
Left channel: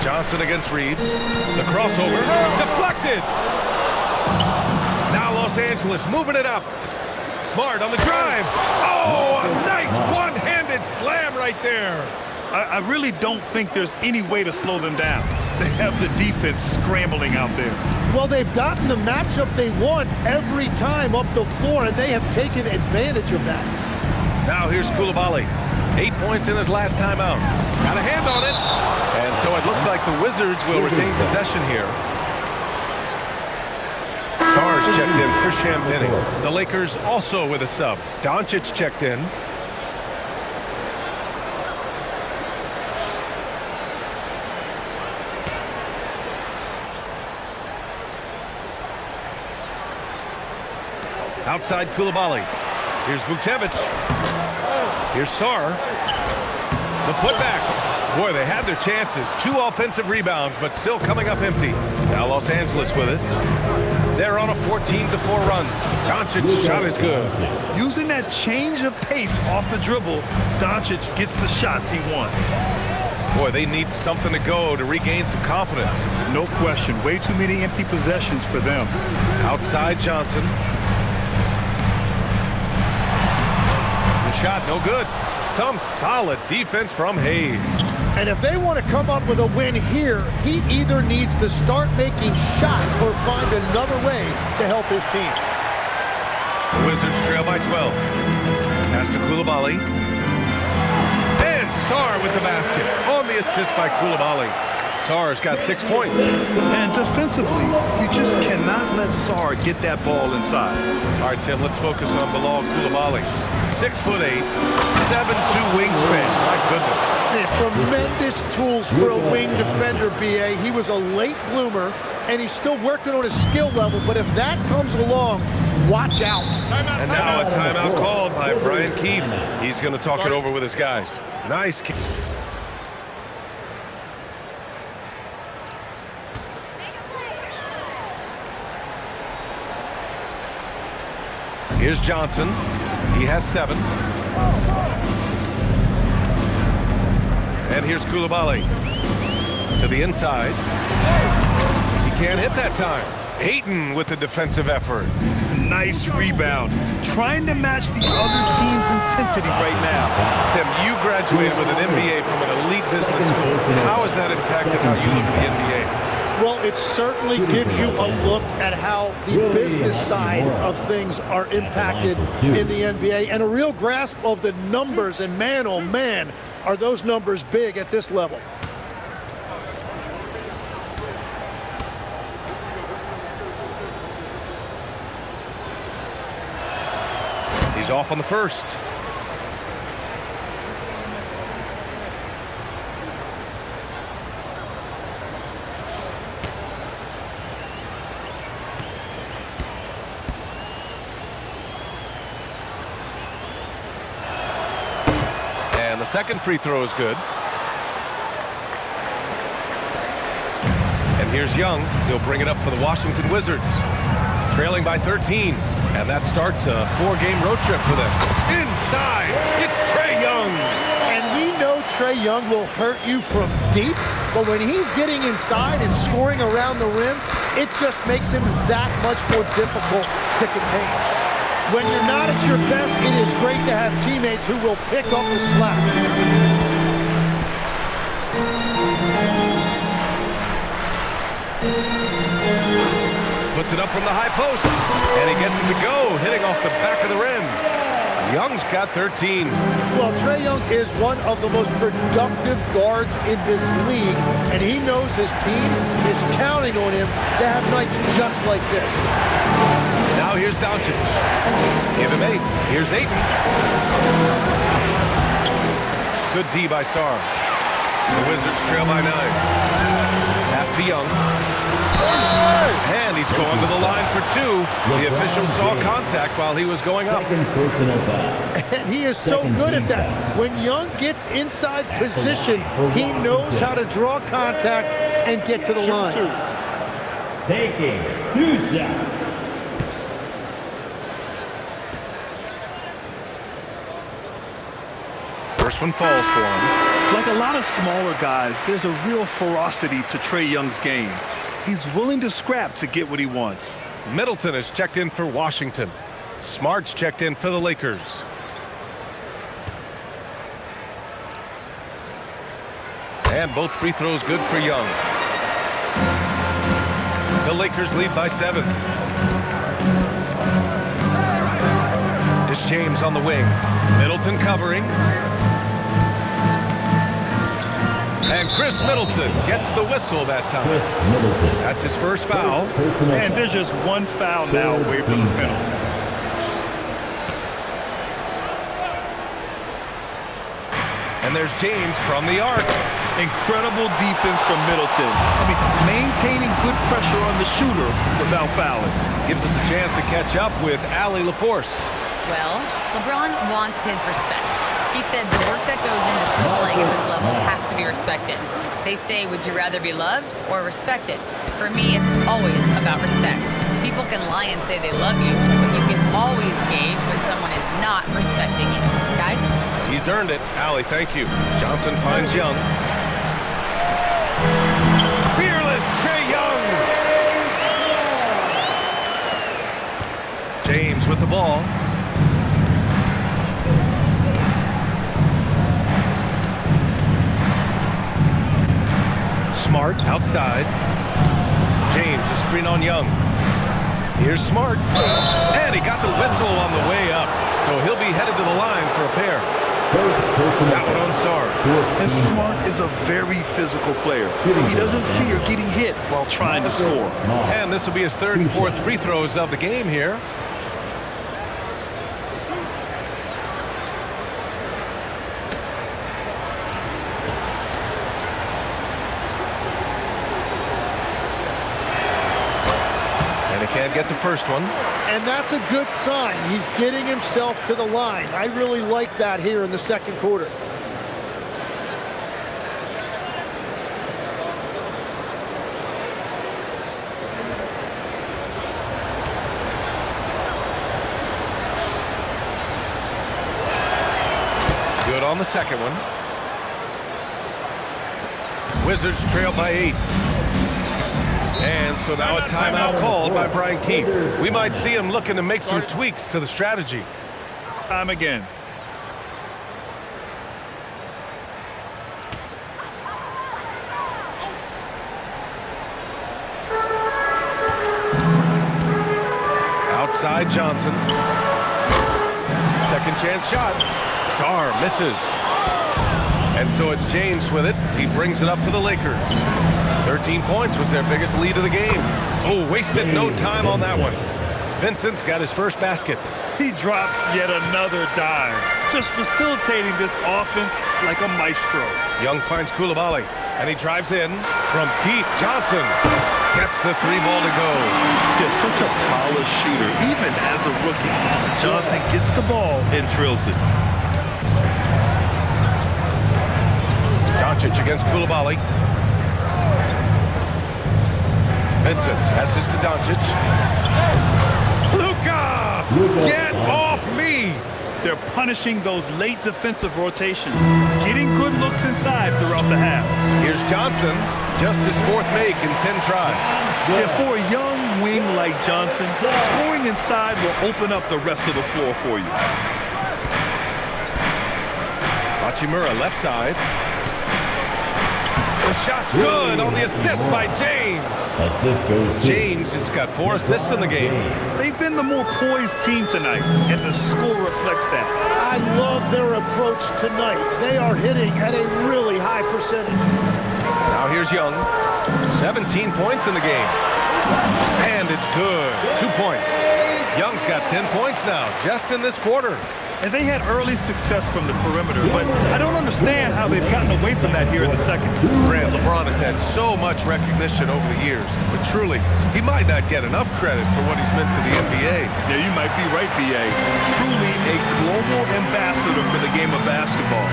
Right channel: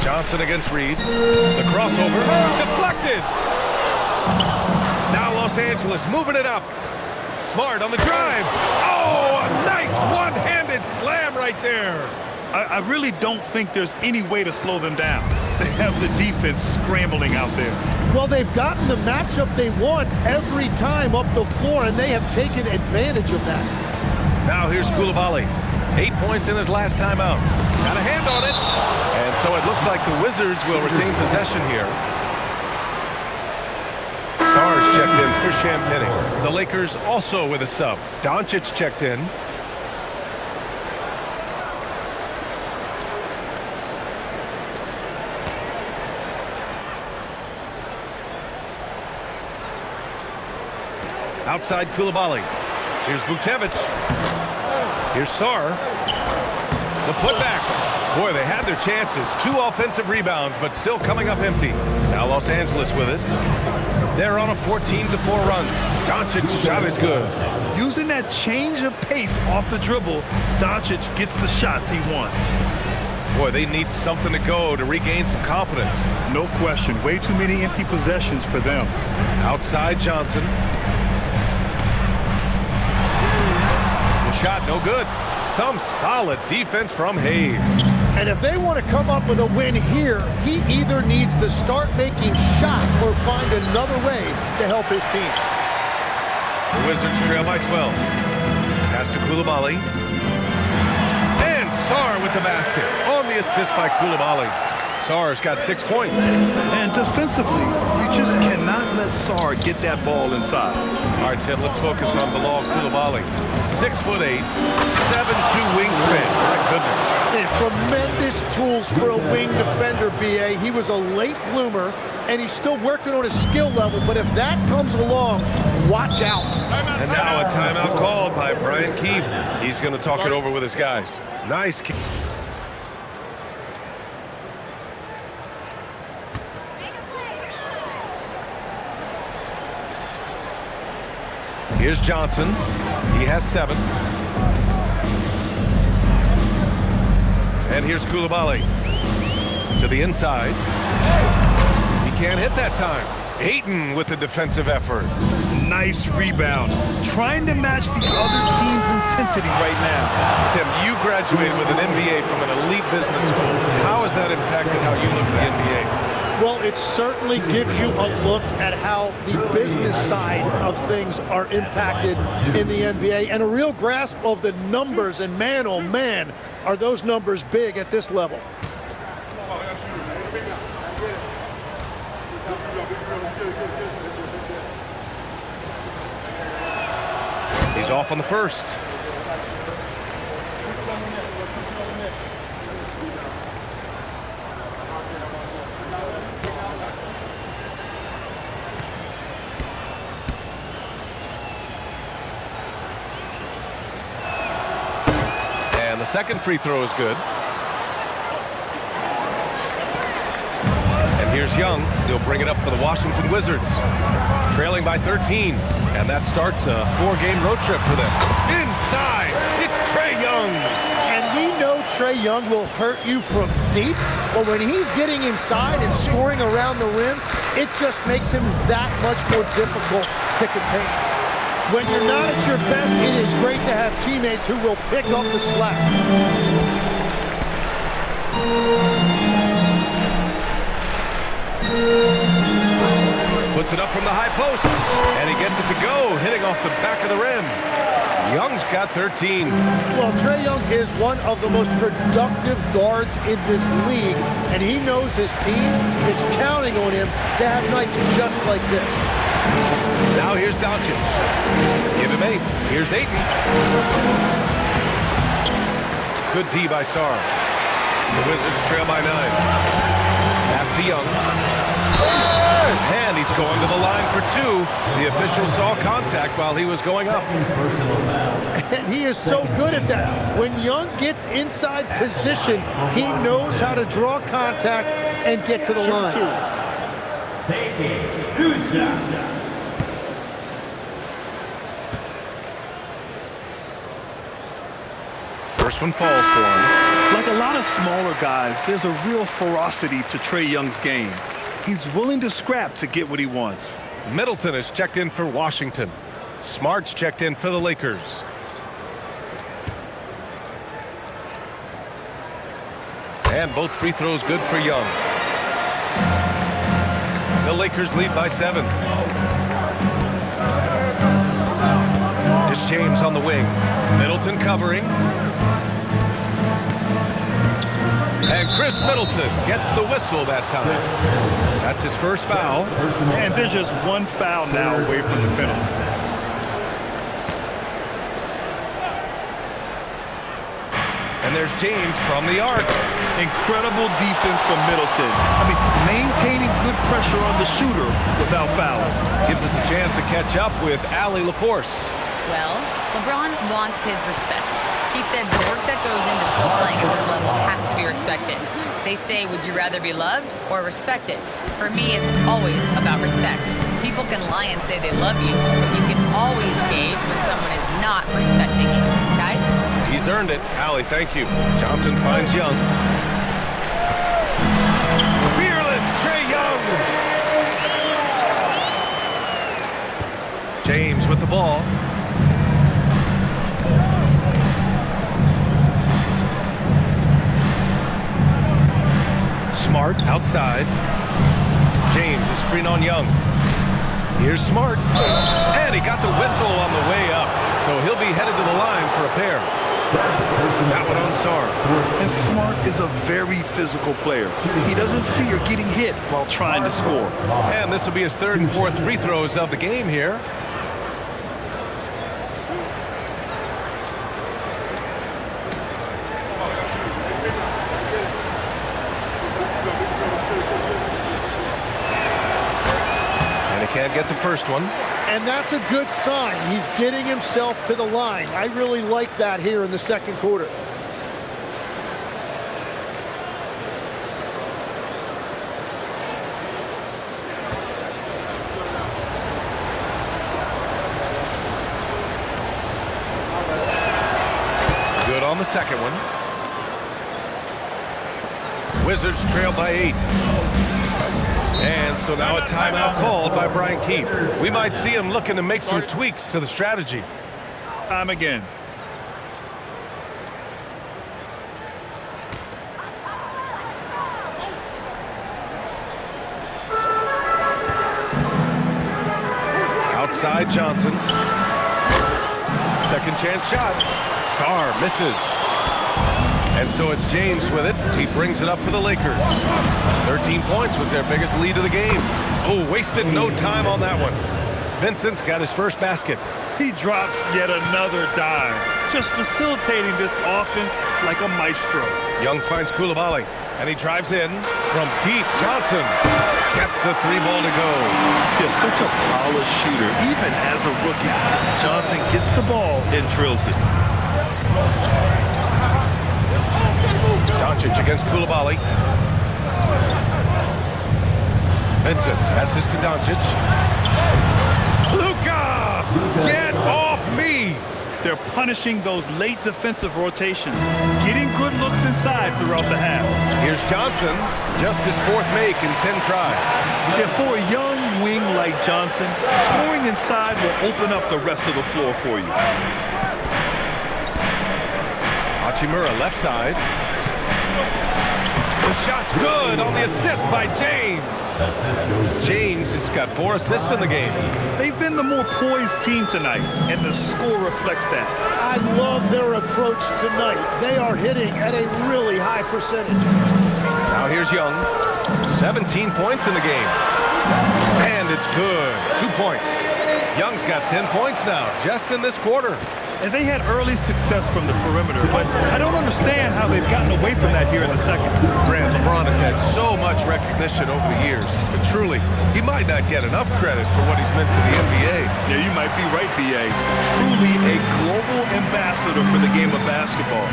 Johnson against Reeves. The crossover. Deflected. Now Los Angeles moving it up. Smart on the drive. Oh, a nice one-handed slam right there. I really don't think there's any way to slow them down. They have the defense scrambling out there. Well, they've gotten the matchup they want every time up the floor, and they have taken advantage of that. Now here's Coulibaly. 8 points in his last time out. Got a hand on it. And so it looks like the Wizards will retain possession here. Sarge checked in for Champagny. The Lakers also with a sub. Doncic checked in. Outside Koulibaly. Here's Vucevic. Here's Sarr. The putback. Boy, they had their chances. 2 offensive rebounds, but still coming up empty. Now Los Angeles with it. They're on a 14-4 run. Doncic's shot is good. Using that change of pace off the dribble, Doncic gets the shots he wants. Boy, they need something to go to regain some confidence. No question. Way too many empty possessions for them. Outside Johnson. The shot no good. Some solid defense from Hayes. And if they want to come up with a win here, he either needs to start making shots or find another way to help his team. The Wizards trail by 12. Pass to Koulibaly. And Sarr with the basket. On the assist by Koulibaly. Sarr's got 6 points. And defensively, you just cannot let Sarr get that ball inside. All right, Tim, let's focus on Bilal Koulibaly. 6'8", 7'2" wingspan. My goodness. Man, tremendous tools for a wing defender, B.A. He was a late bloomer, and he's still working on his skill level, but if that comes along, watch out. And now a timeout called by Brian Keefe. He's going to talk it over with his guys. Nice kick. Here's Johnson. He has 7. And here's Koulibaly. To the inside. He can't hit that time. Ayton with the defensive effort. Nice rebound. Trying to match the other team's intensity right now. Tim, you graduated with an MBA from an elite business school. How has that impacted how you look at the NBA? Well, it certainly gives you a look at how the business side of things are impacted in the NBA and a real grasp of the numbers. And man, oh man, are those numbers big at this level. He's off on the first. And the second free throw is good. And here's Young. He'll bring it up for the Washington Wizards. Trailing by 13. And that starts a 4-game road trip for them. Inside, it's Trae Young. And we know Trae Young will hurt you from deep, but when he's getting inside and scoring around the rim, it just makes him that much more difficult to contain. When you're not at your best, it is great to have teammates who will pick up the slack. Puts it up from the high post, and he gets it to go, hitting off the back of the rim. Young's got 13. Well, Trae Young is one of the most productive guards in this league, and he knows his team is counting on him to have nights just like this. Now here's Doncic. Give him 8. Here's Ayton. Good D by Sarr. The Wizards trail by 9. Pass to Young. And he's going to the line for 2. The official saw contact while he was going up. And he is so good at that. When Young gets inside position, he knows how to draw contact and get to the line. Taking 2 shots. First one falls for him. Like a lot of smaller guys, there's a real ferocity to Trae Young's game. He's willing to scrap to get what he wants. Middleton is checked in for Washington. Smart's checked in for the Lakers. And both free throws good for Young. The Lakers lead by 7. It's James on the wing. Middleton covering. And Chris Middleton gets the whistle that time. That's his first foul. And there's just one foul now away from the penalty. And there's James from the arc. Incredible defense from Middleton. I mean, maintaining good pressure on the shooter without fouling. Gives us a chance to catch up with Allie LaForce. Well, LeBron wants his respect. He said the work that goes into still playing at this level has to be respected. They say, would you rather be loved or respected? For me, it's always about respect. People can lie and say they love you, but you can always gauge when someone is not respecting you. Guys? He's earned it. Allie, thank you. Johnson finds Young. Fearless Trae Young. James with the ball. Smart outside. James, a screen on Young. Here's Smart. And he got the whistle on the way up. So he'll be headed to the line for a pair. That one on Sarr. And Smart is a very physical player. He doesn't fear getting hit while trying to score. And this will be his third and fourth free throws of the game here. Can't get the first one. And that's a good sign. He's getting himself to the line. I really like that here in the second quarter. Good on the second one. Wizards trail by 8. And so now a timeout called by Brian Keefe. We might see him looking to make some tweaks to the strategy. Time again. Outside Johnson. Second chance shot. Sarr misses. And so it's James with it. He brings it up for the Lakers. 13 points was their biggest lead of the game. Oh, wasted no time on that one. Vincent's got his first basket. He drops yet another dime, just facilitating this offense like a maestro. Young finds Coulibaly, and he drives in from deep. Johnson gets the three ball to go. Yeah, such a polished shooter, even as a rookie. Johnson gets the ball and drills it. Doncic against Coulibaly. Vincent passes to Doncic. Luka! Get off me! They're punishing those late defensive rotations, getting good looks inside throughout the half. Here's Johnson, just his fourth make in 10 tries. Yeah, for a young wing like Johnson, scoring inside will open up the rest of the floor for you. Hachimura left side. The shot's good on the assist by James. Assist goes to James has got 4 assists in the game. They've been the more poised team tonight, and the score reflects that. I love their approach tonight. They are hitting at a really high percentage. Now here's Young. 17 points in the game. And it's good. 2 points. Young's got 10 points now, just in this quarter. And they had early success from the perimeter, but I don't understand how they've gotten away from that here in the second. Grant, LeBron has had so much recognition over the years, but truly, he might not get enough credit for what he's meant to the NBA. Yeah, you might be right, B.A. Truly a global ambassador for the game of basketball.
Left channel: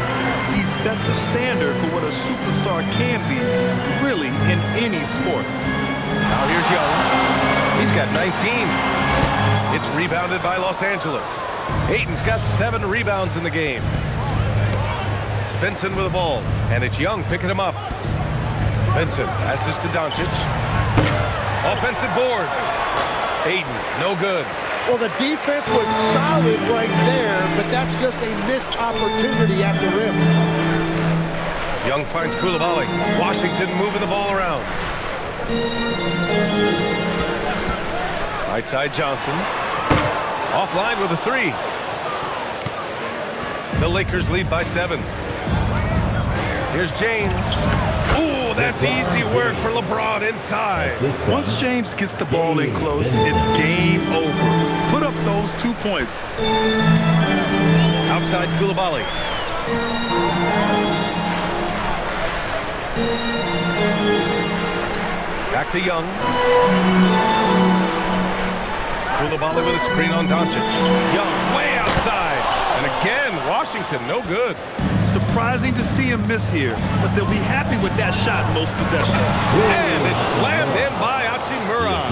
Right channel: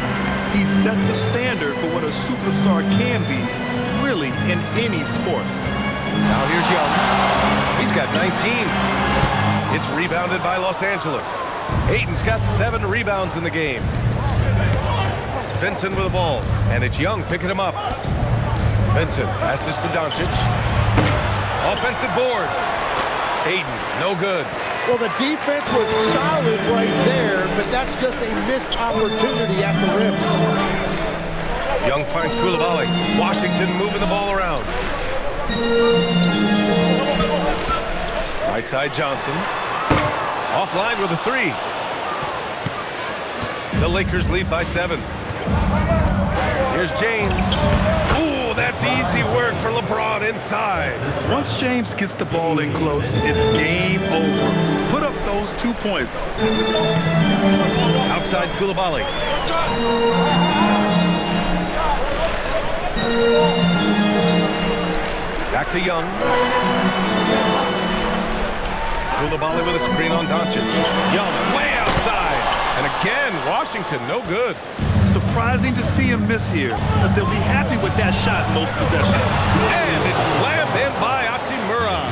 He set the standard for what a superstar can be, really, in any sport. Now here's Young. He's got 19. It's rebounded by Los Angeles. Ayton's got 7 rebounds in the game. Vincent with the ball, and it's Young picking him up. Vincent passes to Doncic. Offensive board. Ayton, no good. Well, the defense was solid right there, but that's just a missed opportunity at the rim. Young finds Coulibaly. Washington moving the ball around. Right side Johnson. Offline with a 3. The Lakers lead by 7. Here's James. Ooh, that's easy work for LeBron inside. Once James gets the ball in close, it's game over. Put up those 2 points. Outside Coulibaly. Back to Young. Koulibaly with a screen on Doncic. Young way outside. And again, Washington no good. Surprising to see him miss here, but they'll be happy with that shot in most possessions. And it's slammed in by Hachimura.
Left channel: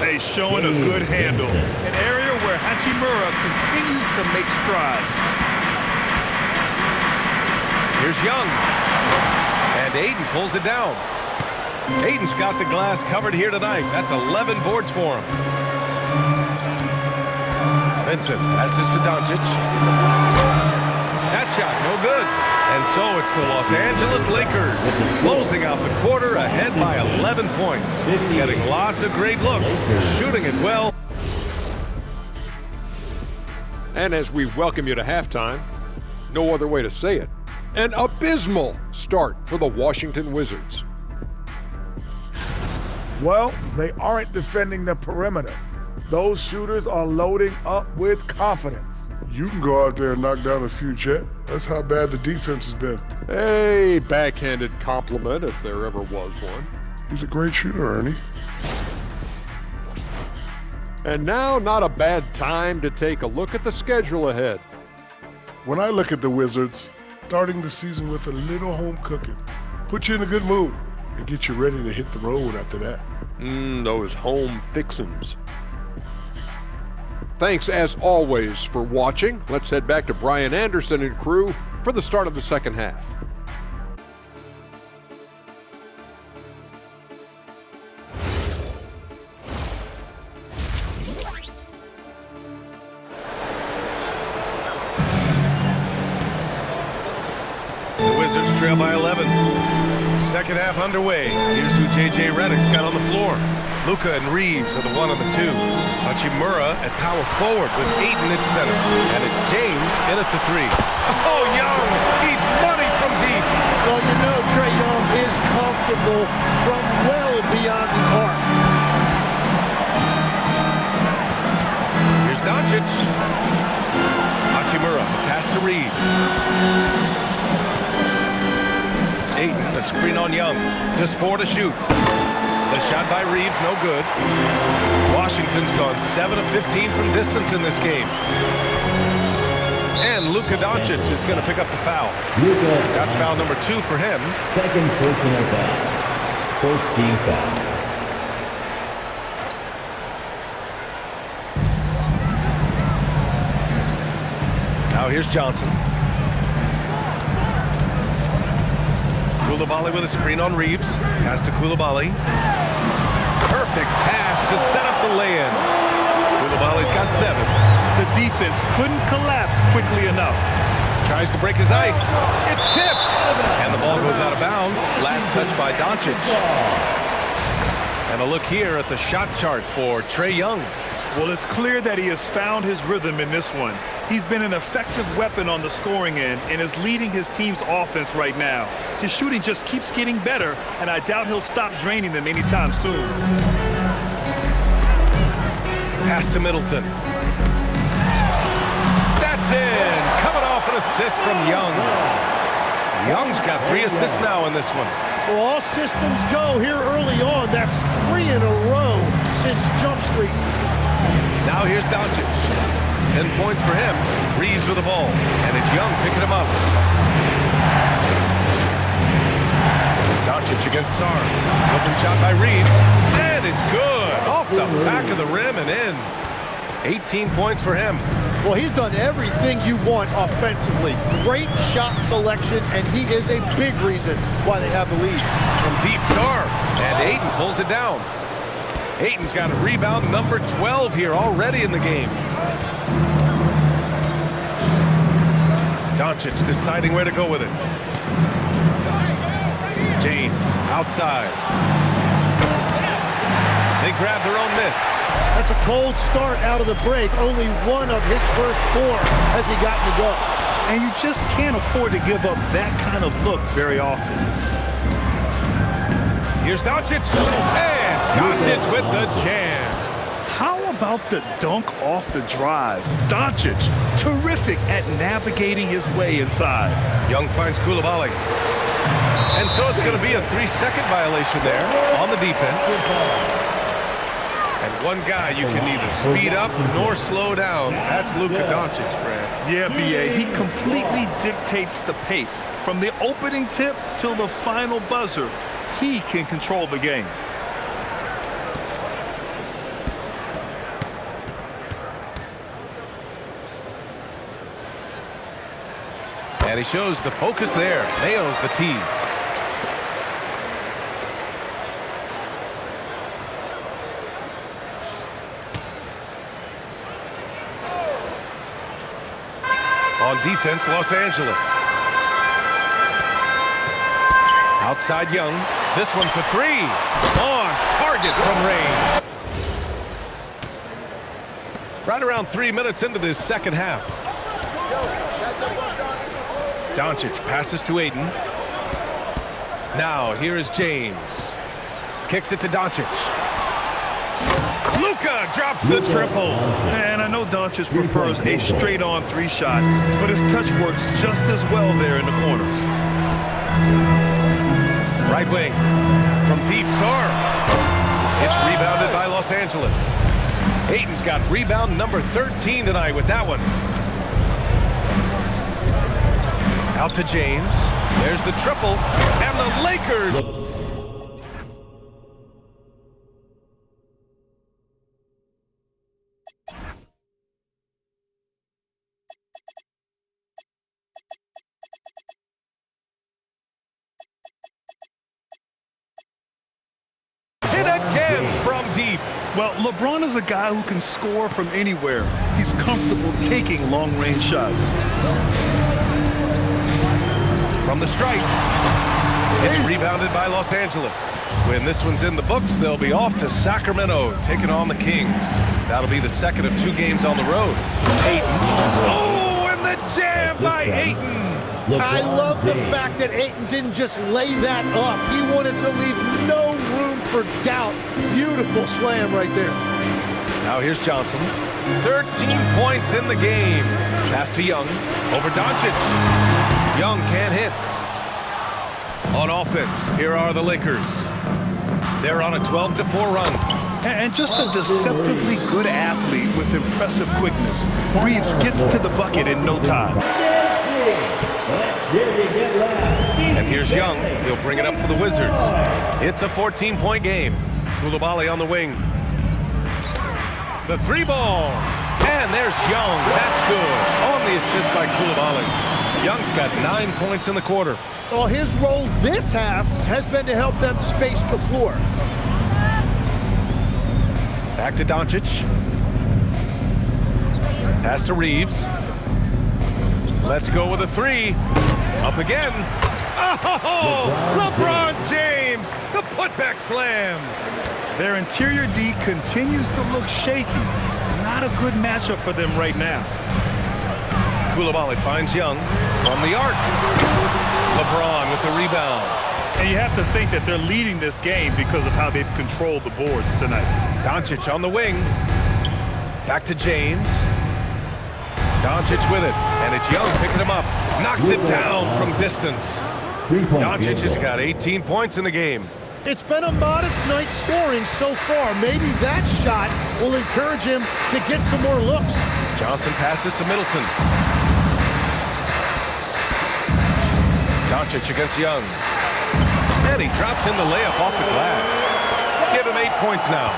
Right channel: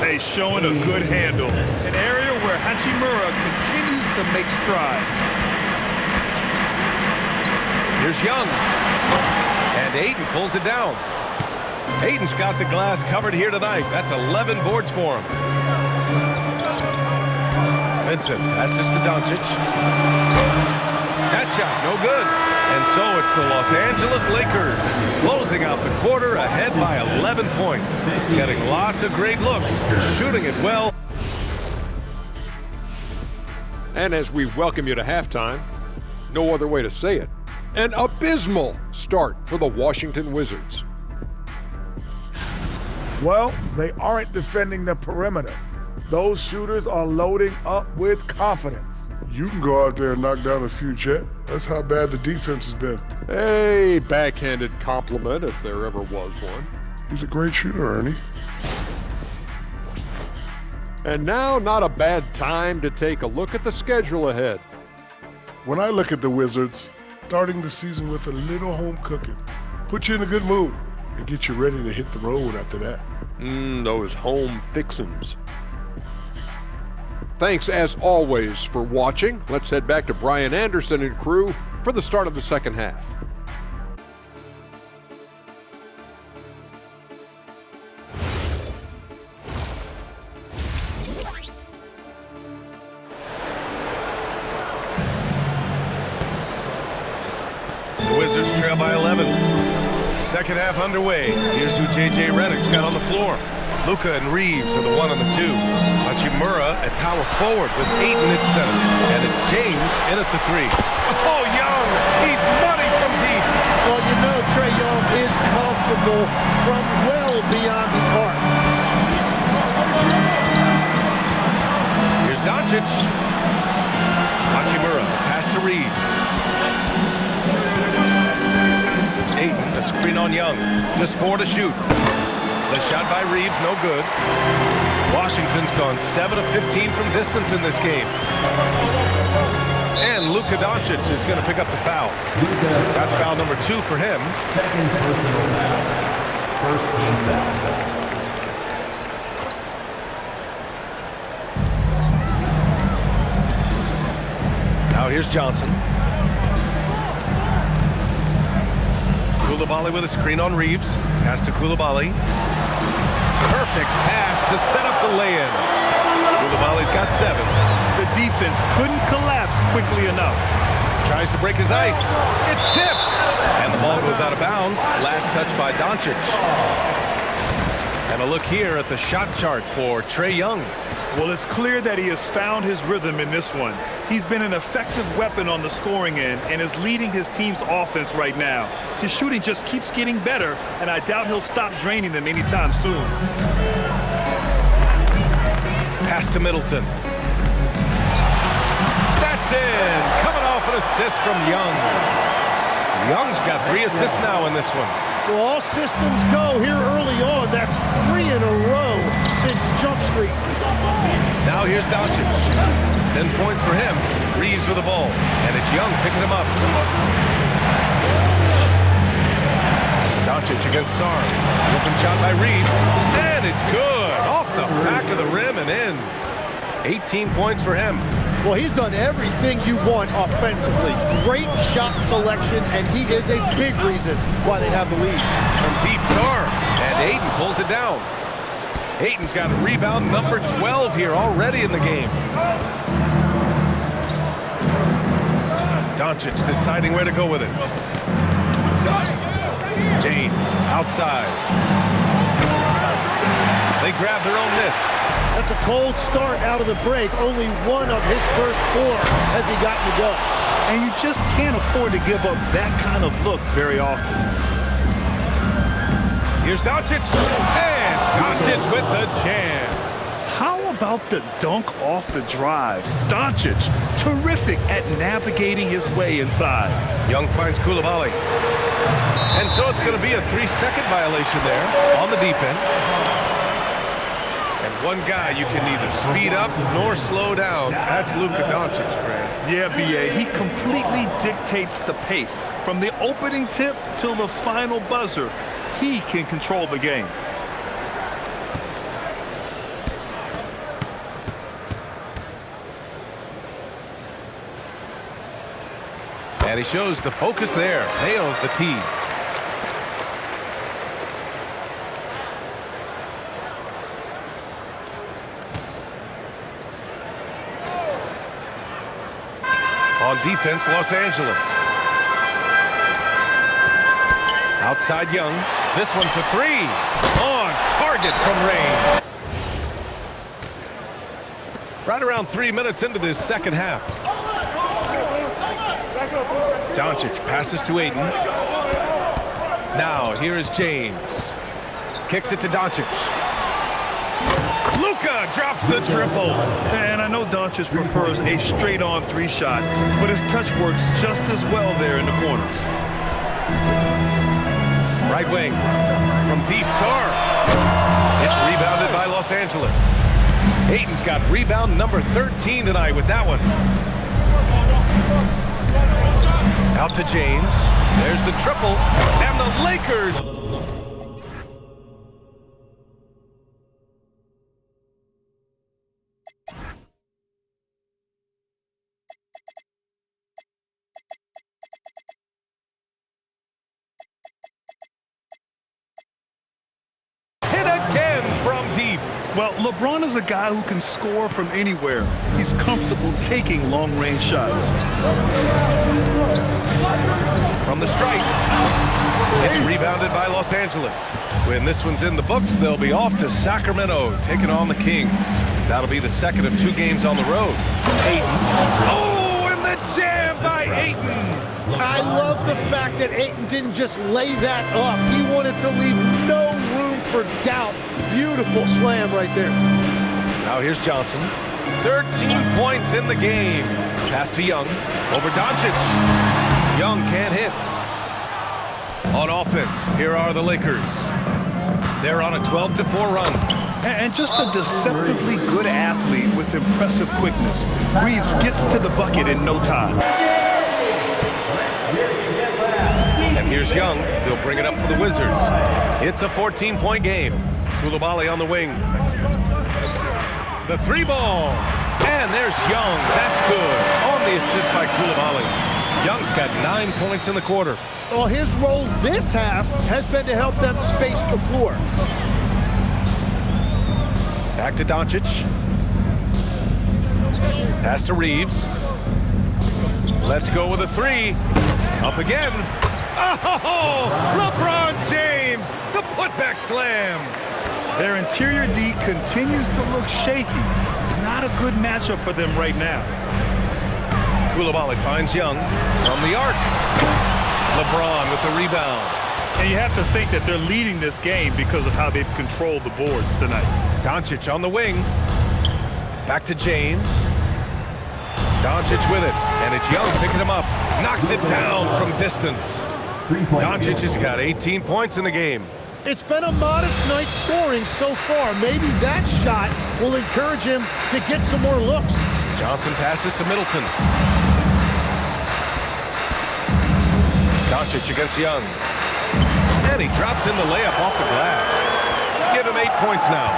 Hey, showing a good handle. An area where Hachimura continues to make strides. Here's Young. And Ayton pulls it down. Ayton's got the glass covered here tonight. That's 11 boards for him. Vincent passes to Doncic. That shot, no good. And so it's the Los Angeles Lakers closing out the quarter ahead by 11 points. Getting lots of great looks, shooting it well. And as we welcome you to halftime, no other way to say it, an abysmal start for the Washington Wizards. Well, they aren't defending the perimeter. Those shooters are loading up with confidence. You can go out there and knock down a few, Chet. That's how bad the defense has been. A backhanded compliment, if there ever was one. He's a great shooter, Ernie. And now, not a bad time to take a look at the schedule ahead. When I look at the Wizards, starting the season with a little home cooking, put you in a good mood and get you ready to hit the road after that. Those home fixins'. Thanks, as always, for watching. Let's head back to Brian Anderson and crew for the start of the second half. The Wizards trail by 11. Second half underway. Here's who J.J. Redick's got on the floor. Luka and Reeves are the 1 and the 2. Hachimura at power forward with Ayton at center. And it's James in at the 3. Oh, Young! He's money from deep! Well, you know Trae Young is comfortable from well beyond the arc. Here's Doncic. Hachimura, a pass to Reeves. Ayton, a screen on Young. Just 4 to shoot. The shot by Reeves, no good. Washington's gone 7 of 15 from distance in this game. And Luka Doncic is going to pick up the foul. That's foul number 2 for him. Second personal foul. First team foul. Now here's Johnson. Koulibaly with a screen on Reeves. Pass to Koulibaly. Perfect pass to set up the lay-in. Koulibaly's got 7. The defense couldn't collapse quickly enough. Tries to break his ice. It's tipped. And the ball goes out of bounds. Last touch by Doncic. And a look here at the shot chart for Trae Young. Well, it's clear that he has found his rhythm in this one. He's been an effective weapon on the scoring end and is leading his team's offense right now. His shooting just keeps getting better, and I doubt he'll stop draining them anytime soon. Pass to Middleton. That's in. Coming off an assist from Young. Young's got 3 assists now in this one. Well, all systems go here early on. That's 3 in a row since Jump Street. Now here's Doncic. 10 points for him. Reeves with the ball. And it's Young picking him up. Doncic against Sarr. The open shot by Reeves. And it's good. Off the back of the rim and in. 18 points for him. Well, he's done everything you want offensively. Great shot selection, and he is a big reason why they have the lead. From deep, Sarr. And Ayton pulls it down. Ayton's got a rebound number 12 here already in the game. Doncic deciding where to go with it. James outside. They grab their own miss. That's a cold start out of the break. Only 1 of his first 4 has he gotten to go. And you just can't afford to give up that kind of look very often. Here's Doncic. And Doncic with the jam. How about the dunk off the drive? Doncic, terrific at navigating his way inside. Young finds Koulibaly. And so it's going to be a 3-second violation there on the defense. And one guy you can neither speed up nor slow down. That's Luka Doncic, Grant. Yeah, B.A., he completely dictates the pace. From the opening tip till the final buzzer, he can control the game. And he shows the focus there. Nails the tee. On defense, Los Angeles. Outside Young. This one for three. On target from range. Right around 3 minutes into this second half. Doncic passes to Ayton. Now here is James. Kicks it to Doncic. Luka drops the triple. And I know Doncic prefers a straight-on three-shot, but his touch works just as well there in the corners. Right wing from deep, Sar. It's rebounded by Los Angeles. Ayton's got rebound number 13 tonight with that one. Out to James. There's the triple. And the Lakers. Hit again from deep. Well, LeBron is a guy who can score from anywhere. He's comfortable taking long-range shots. From the stripe. It's rebounded by Los Angeles. When this one's in the books, they'll be off to Sacramento, taking on the Kings. That'll be the second of 2 games on the road. Ayton. Oh, and the jam by Ayton. I love the fact that Ayton didn't just lay that up. He wanted to leave no room for doubt. Beautiful slam right there. Now here's Johnson. 13 points in the game. Pass to Young. Over Doncic. Young can't hit. On offense, here are the Lakers. They're on a 12-4 run. And just a deceptively good athlete with impressive quickness. Reeves gets to the bucket in no time. And here's Young. He'll bring it up for the Wizards. It's a 14-point game. Coulibaly on the wing. The 3-ball. And there's Young. That's good. On the assist by Coulibaly. Young's got 9 points in the quarter. Well, his role this half has been to help them space the floor. Back to Doncic. Pass to Reeves. Let's go with a 3. Up again. Oh, LeBron James, the putback slam. Their interior D continues to look shaky. Not a good matchup for them right now. Coulibaly finds Young from the arc. LeBron with the rebound. And you have to think that they're leading this game because of how they've controlled the boards tonight. Doncic on the wing. Back to James. Doncic with it, and it's Young picking him up. Knocks it down from distance. Doncic has got 18 points in the game. It's been a modest night scoring so far. Maybe that shot will encourage him to get some more looks. Johnson passes to Middleton. Doncic against Young. And he drops in the layup off the glass. Give him 8 points now.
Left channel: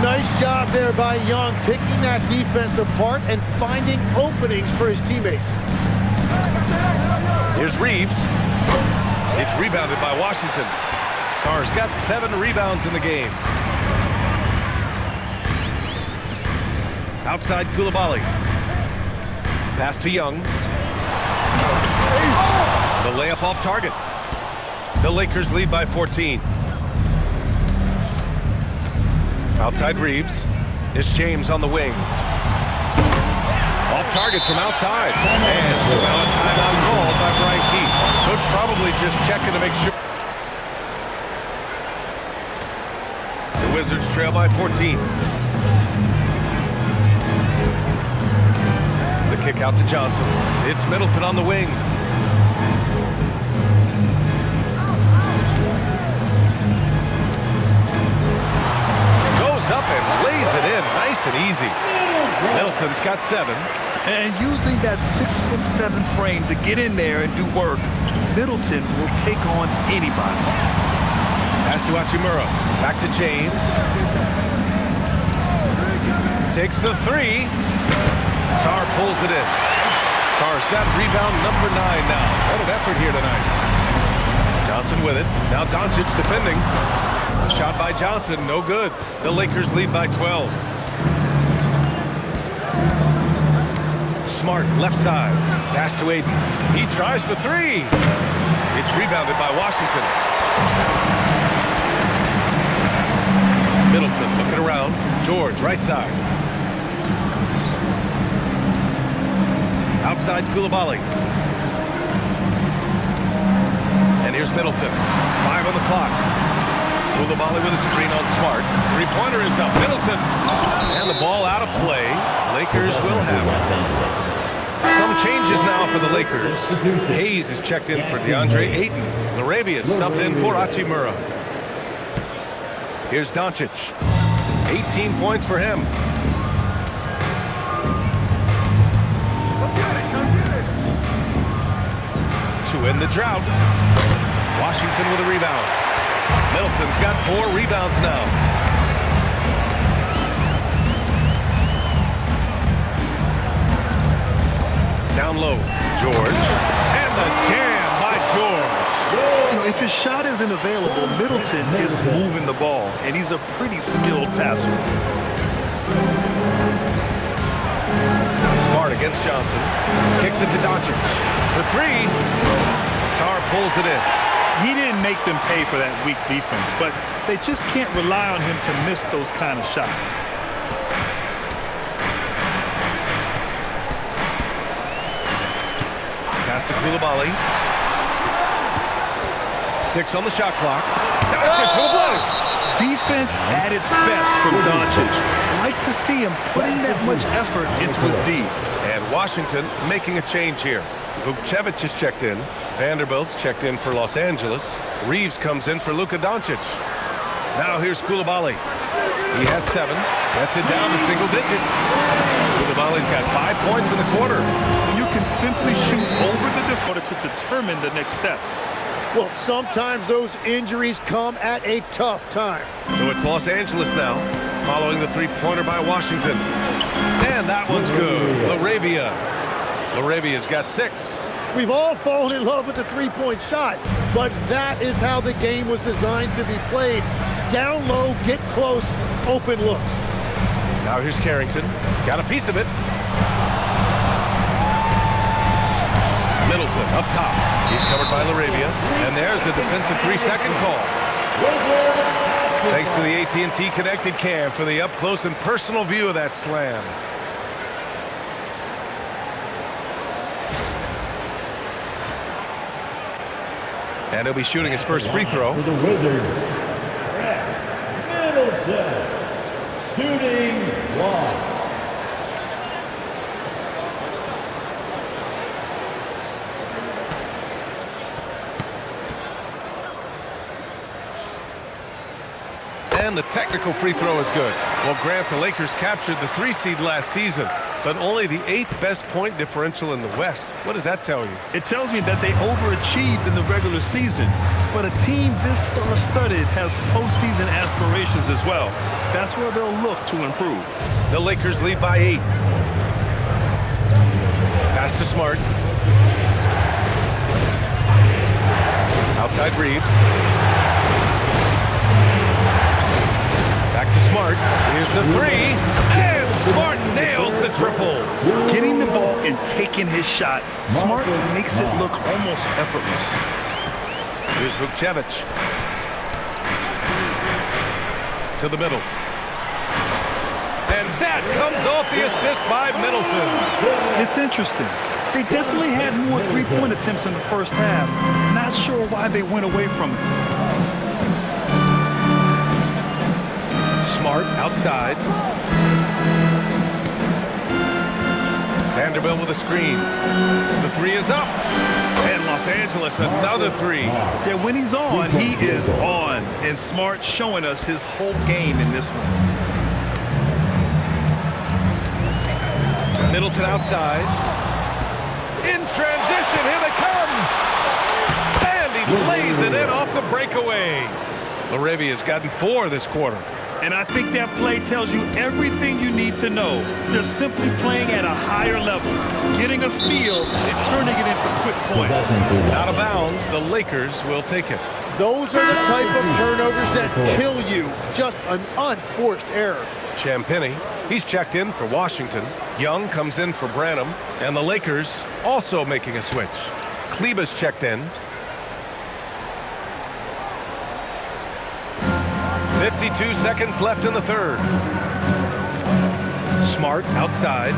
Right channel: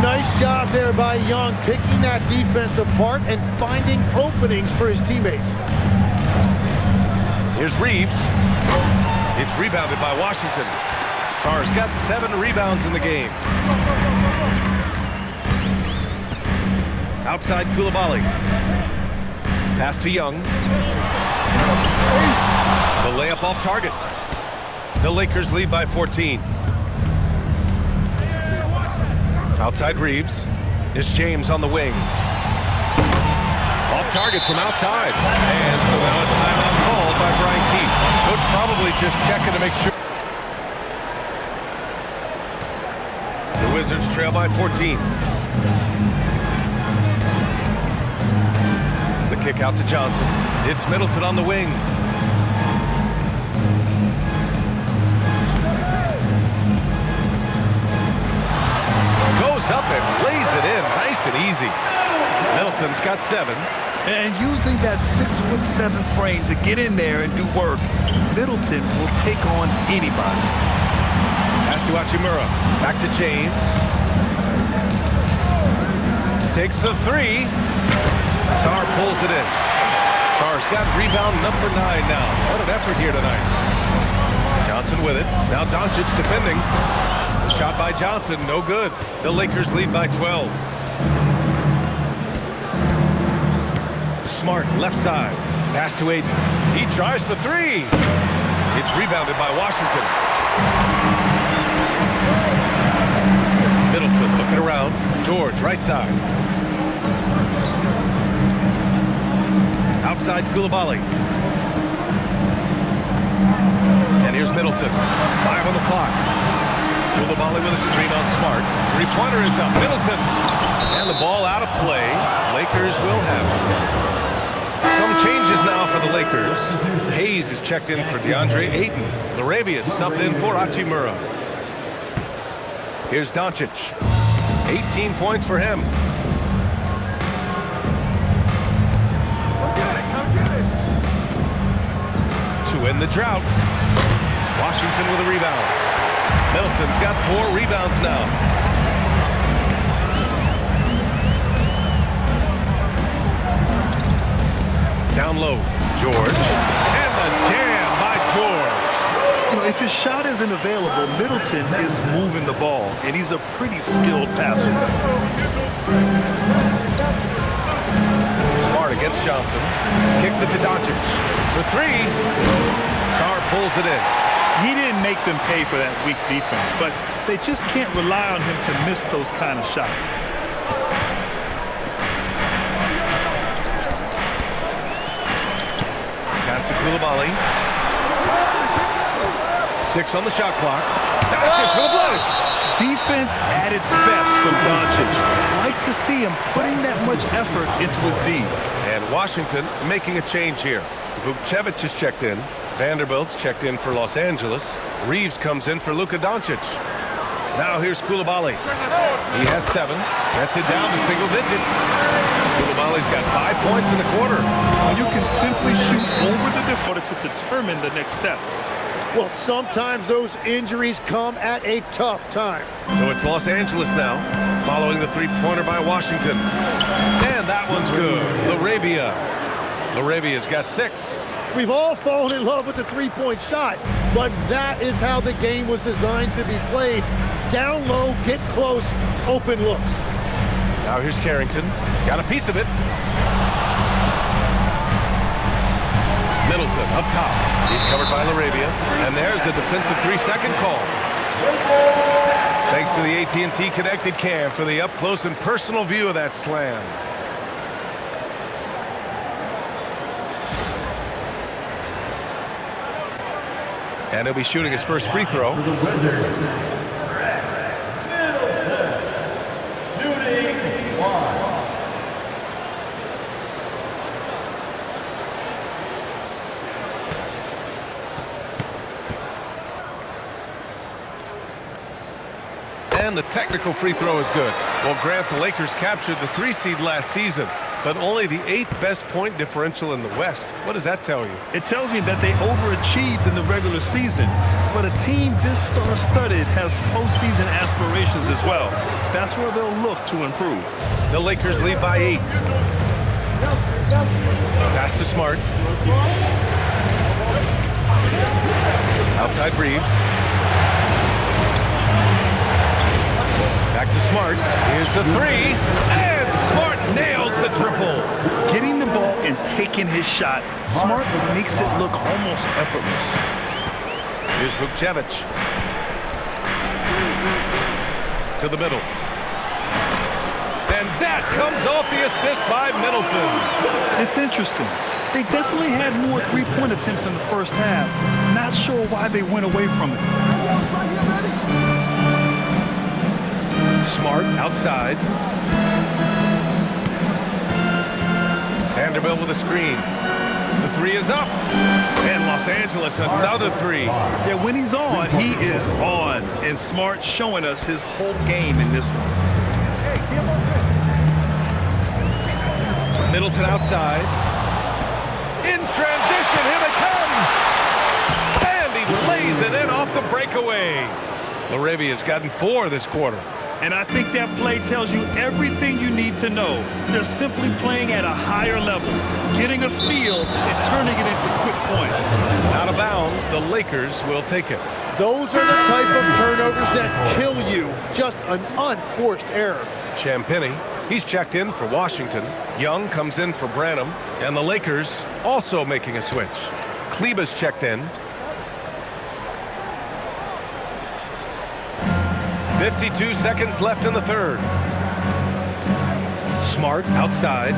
Nice job there by Young, picking that defense apart and finding openings for his teammates. Here's Reeves. It's rebounded by Washington. Sarr's got 7 rebounds in the game. Outside Coulibaly. Pass to Young. The layup off target. The Lakers lead by 14. Outside Reeves. It's James on the wing. Off target from outside. And so now a timeout called by Brian Keefe. Coach probably just checking to make sure. The Wizards trail by 14. The kick out to Johnson. It's Middleton on the wing. goes up and lays it in nice and easy. Middleton's got 7. And using that 6'7" frame to get in there and do work, Middleton will take on anybody. Pass to Hachimura. Back to James. Takes the 3. Sarr pulls it in. Sarr's got rebound number 9 now. What an effort here tonight. Johnson with it. Now Doncic defending. The shot by Johnson, no good. The Lakers lead by 12. Smart, left side. Pass to Aiden. He tries for 3. It's rebounded by Washington. Middleton looking around. George, right side. Outside Coulibaly. And here's Middleton. 5 on the clock. Coulibaly with a screen on Smart. 3-pointer is up. Middleton. And the ball out of play. Lakers will have it. Some changes now for the Lakers. Hayes is checked in for DeAndre Ayton. Laravia subbed in for Hachimura. Here's Doncic. 18 points for him. To end the drought. Washington with a rebound. Middleton's got 4 rebounds now. Down low, George. And the jam by George. You know, if his shot isn't available, Middleton is moving the ball, and he's a pretty skilled passer. Smart against Johnson. Kicks it to Doncic. For 3. Sarr pulls it in. He didn't make them pay for that weak defense, but they just can't rely on him to miss those kind of shots. Pass to Coulibaly. 6 on the shot clock. Doncic for the block. Defense at its best from Doncic. Like to see him putting that much effort into his D. And Washington making a change here. Vukcevic is checked in. Vanderbilt's checked in for Los Angeles. Reeves comes in for Luka Doncic. Now here's Coulibaly. He has 7. Gets it down to single digits. Coulibaly's got 5 points in the quarter. You can simply shoot over the defender to determine the next steps. Well, sometimes those injuries come at a tough time. So it's Los Angeles now, following the 3-pointer by Washington. And that one's good. Laravia's got 6. We've all fallen in love with the 3-point shot, but that is how the game was designed to be played. Down low, get close, open looks. Now here's Carrington. Got a piece of it. Middleton up top. He's covered by Laravia. And there's a defensive 3-second call. Thanks to the AT&T Connected Cam for the up-close and personal view of that slam. And he'll be shooting his first free throw. For the Wizards, Middleton, shooting 1. And the technical free throw is good. Well, Grant, the Lakers captured the 3 seed last season, but only the 8th best point differential in the West. What does that tell you? It tells me that they overachieved in the regular season, but a team this star-studded has postseason aspirations as well. That's where they'll look to improve. The Lakers lead by 8. Pass to Smart. Outside Reeves. Back to Smart. Here's the 3. And Smart nails the triple. Getting the ball and taking his shot, Smart makes it look almost effortless. Here's Vukcevic. To the middle. And that comes off the assist by Middleton. It's interesting. They definitely had more 3-point attempts in the first half. Not sure why they went away from it. Smart outside. Vanderbilt with a screen. The 3 is up. And Los Angeles another 3. Yeah, when he's on, he is on. And Smart showing us his whole game in this one. Middleton outside. In transition, here they come. And he lays it in off the breakaway. Laravia's gotten 4 this quarter. And I think that play tells you everything you need to know. They're simply playing at a higher level, getting a steal and turning it into quick points. Out of bounds, the Lakers will take it. Those are the type of turnovers that kill you. Just an unforced error. Champagnie, he's checked in for Washington. Young comes in for Branham. And the Lakers also making a switch. Kleber's checked in. 52 seconds left in the third. Smart outside.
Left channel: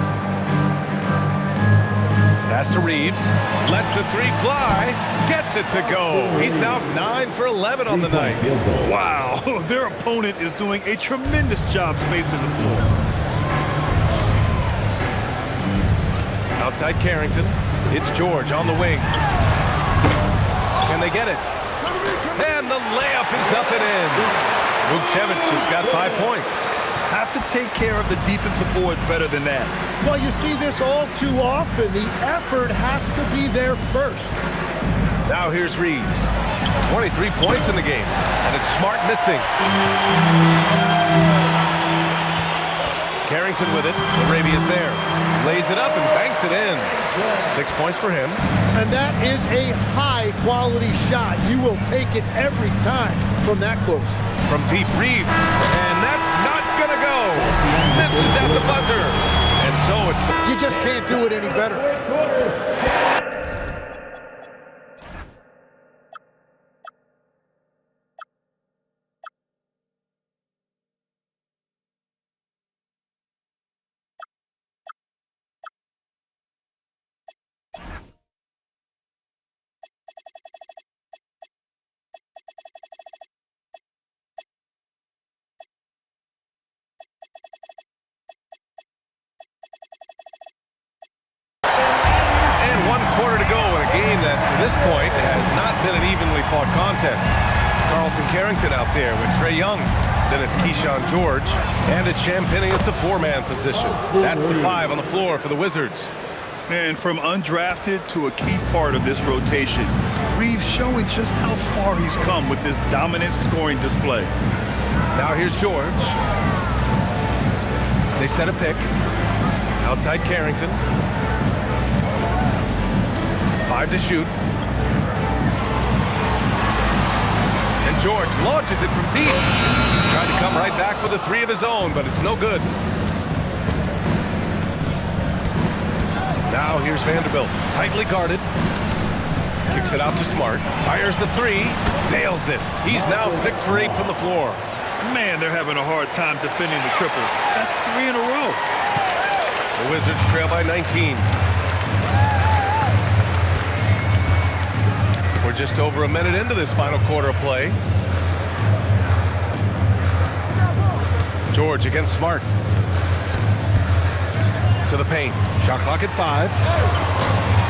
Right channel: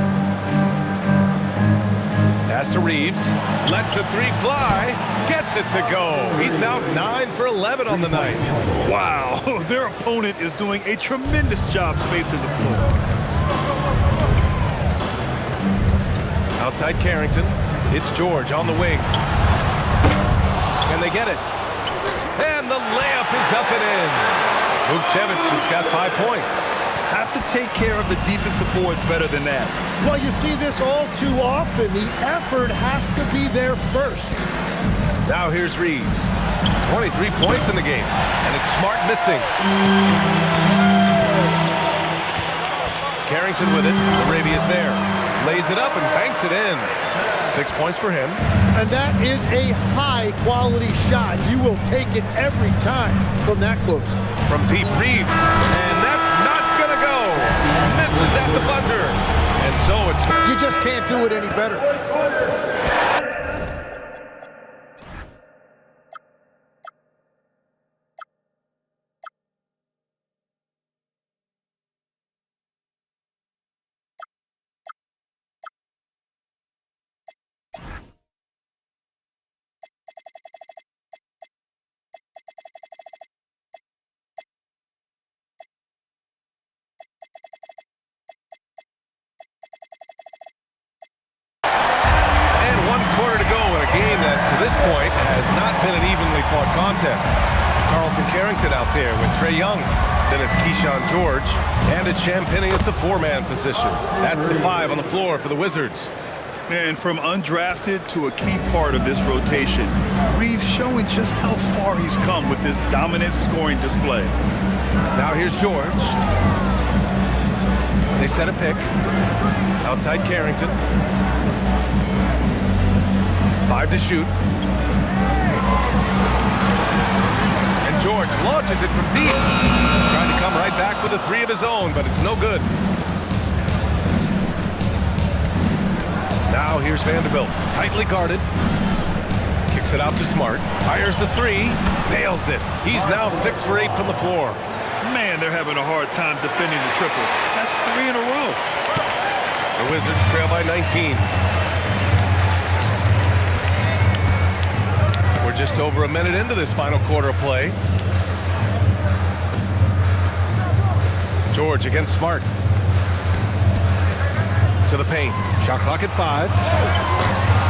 Pass to Reeves. Lets the 3 fly. Gets it to go. He's now 9 for 11 on the night. Wow, their opponent is doing a tremendous job spacing the floor. Outside Carrington. It's George on the wing. Can they get it? And the layup is up and in. Vucevic has got 5 points. Have to take care of the defensive boards better than that. Well, you see this all too often. The effort has to be there first. Now here's Reeves. 23 points in the game, and it's Smart missing. Carrington with it. Laravia's there. Lays it up and banks it in. 6 points for him. And that is a high-quality shot. You will take it every time from that close. From deep, Reeves. And that's not going to go. Misses at the buzzer. And so it's... You just can't do it any better. And 1 quarter to go in a game that, to this point, has not been an evenly fought contest. Carlton Carrington out there with Trae Young. Then it's Keyshawn George. And it's Champagnie at the 4-man position. That's the 5 on the floor for the Wizards. And from undrafted to a key part of this rotation, Reeves showing just how far he's come with this dominant scoring display. Now here's George. They set a pick. Outside Carrington. 5 to shoot. And George launches it from deep. Trying to come right back with a 3 of his own, but it's no good. Now here's Vanderbilt. Tightly guarded. Kicks it out to Smart. Fires the 3. Nails it. He's now 6 for 8 from the floor. Man, they're having a hard time defending the triple. That's 3 in a row. The Wizards trail by 19. We're just over a minute into this final quarter of play. George against Smart. To the paint. Shot clock at 5.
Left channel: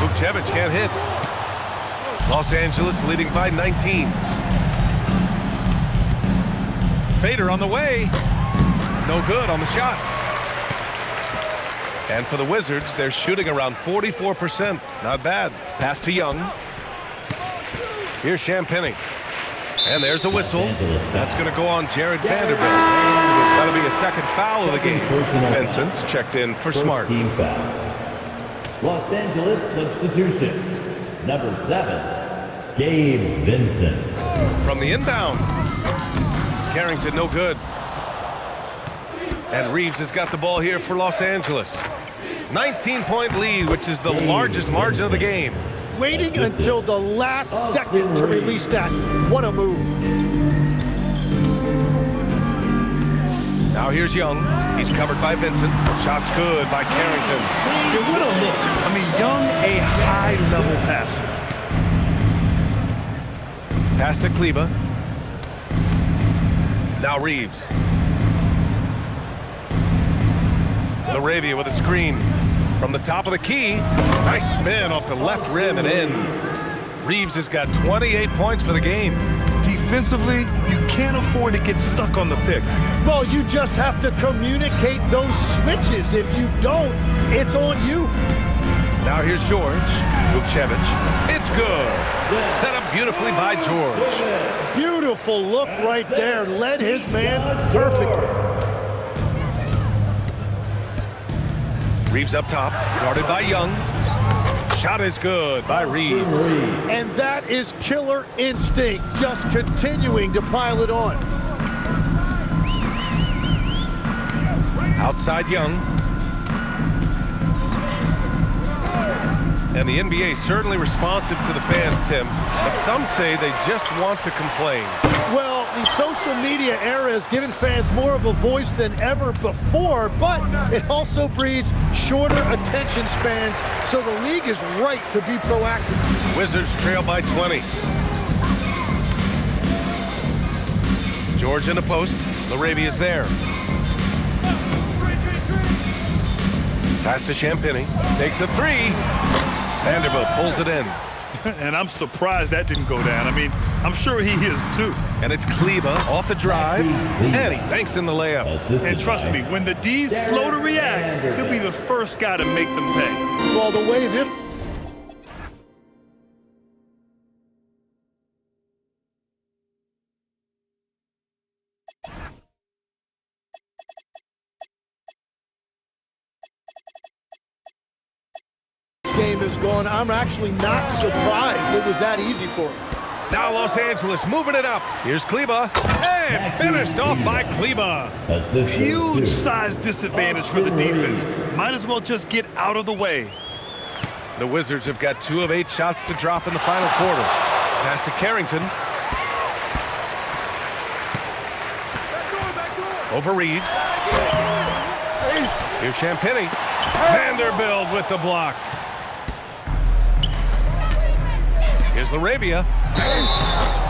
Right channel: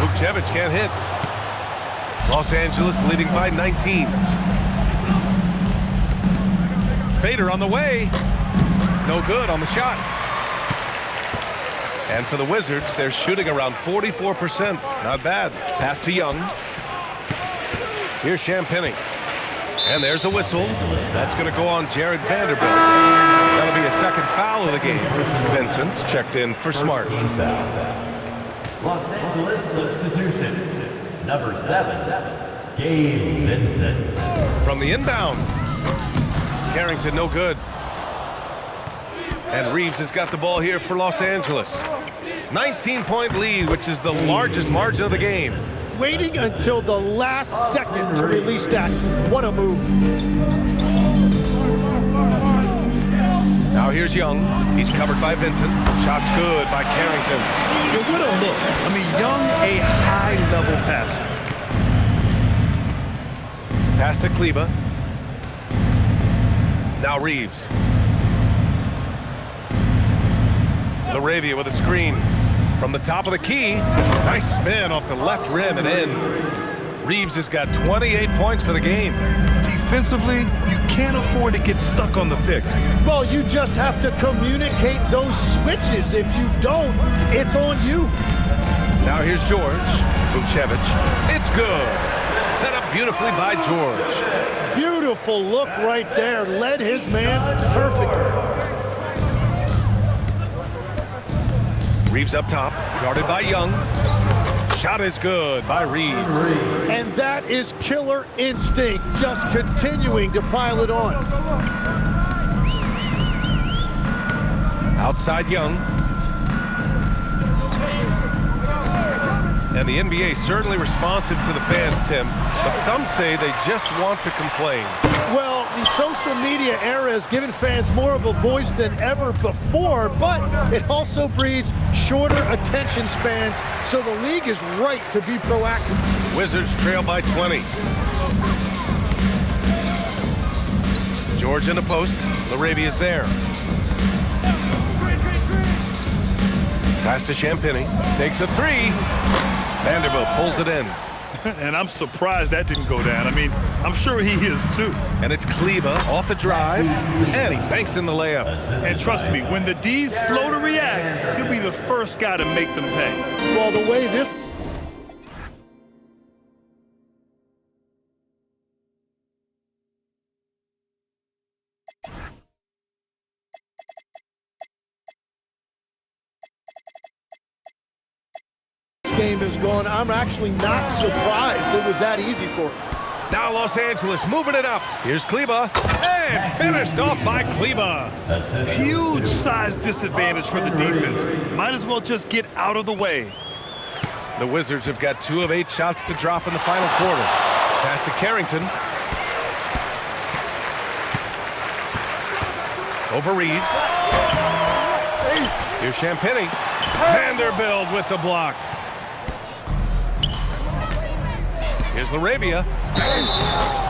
Vucevic can't hit. Los Angeles leading by 19. Fader on the way. No good on the shot. And for the Wizards, they're shooting around 44%. Not bad. Pass to Young. Here's Champagnie. And there's a whistle. That's going to go on Jared Vanderbilt. That'll be a second foul of the game. Vincent's checked in for Smart. Team foul. Los Angeles substitution. Number 7, Gabe Vincent. From the inbound. Carrington no good. And Reeves has got the ball here for Los Angeles. 19-point lead, which is the largest margin of the game. Waiting until the last second to release that. What a move. Now here's Young. He's covered by Vincent. Shot's good by Carrington. Yeah, what a look. I mean, Young, a high-level passer. Pass to Kleber. Now Reeves. Laravia with a screen. From the top of the key. Nice spin off the left rim and in. Reeves has got 28 points for the game. Defensively, you can't afford to get stuck on the pick. Well, you just have to communicate those switches. If you don't, it's on you. Now here's George. Vucevic. It's good. Set up beautifully by George. Beautiful look right there. Led his man perfectly. Reeves up top. Guarded by Young. Shot is good by Reeves. And that is killer instinct, just continuing to pile it on. Outside Young. And the NBA certainly responsive to the fans, Tim, but some say they just want to complain. Well, the social media era has given fans more of a voice than ever before, but it also breeds shorter attention spans, so the league is right to be proactive. Wizards trail by 20. George in the post. LaRavia's there. Pass to Champagny. Takes a three. Vanderbilt pulls it in. And I'm surprised that didn't go down. I mean, I'm sure he is too. And it's Kleber off the drive, and he banks in the layup. And trust me, when the D's slow to react, he'll be the first guy to make them pay. Well, the way this game is going, I'm actually not surprised it was that easy for him. Now Los Angeles moving it up. Here's Kleber, and finished off by Kleber. Huge size disadvantage for the defense. Might as well just get out of the way. The Wizards have got 2 of 8 shots to drop in the final quarter. Pass to Carrington. Over Reeves. Here's Champagny. Vanderbilt with the block. Here's LaRavia.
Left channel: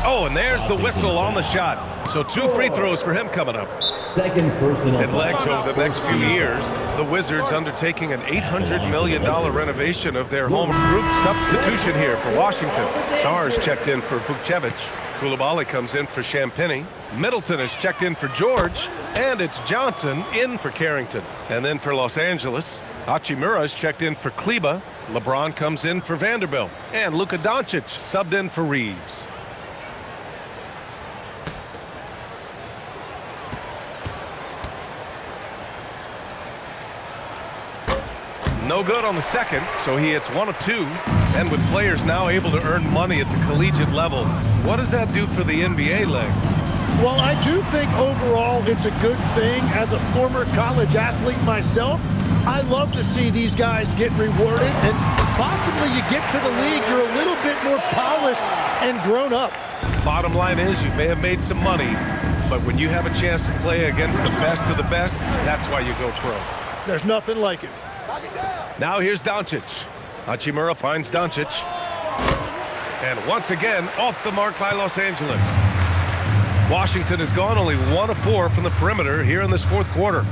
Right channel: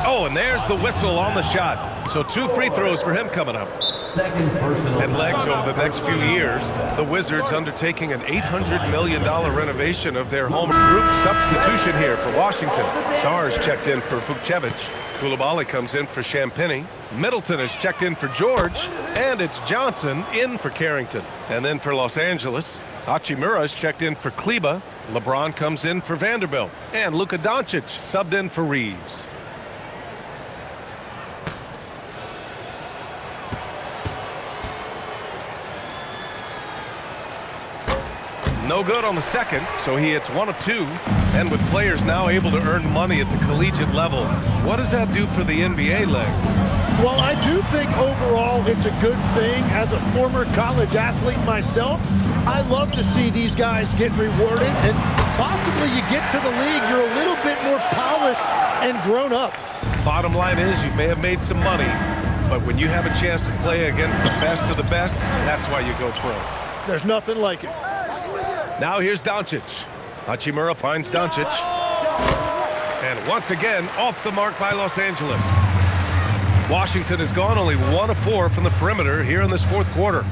Oh, and there's the whistle on the shot. So 2 free throws for him coming up. Second personal. And legs over the next few years, the Wizards undertaking an $800 million renovation of their home. Group substitution here for Washington. Sars checked in for Vucevic. Coulibaly comes in for Champagny. Middleton is checked in for George. And it's Johnson in for Carrington. And then for Los Angeles, Hachimura is checked in for Kleber. LeBron comes in for Vanderbilt. And Luka Doncic subbed in for Reeves. No good on the second, so he hits 1 of 2. And with players now able to earn money at the collegiate level, what does that do for the NBA legs? Well, I do think overall it's a good thing. As a former college athlete myself, I love to see these guys get rewarded, and possibly you get to the league, you're a little bit more polished and grown up. Bottom line is you may have made some money, but when you have a chance to play against the best of the best, that's why you go pro. There's nothing like it. Now here's Doncic. Hachimura finds Doncic. And once again, off the mark by Los Angeles. Washington has gone only 1 of 4 from the perimeter here in this 4th quarter.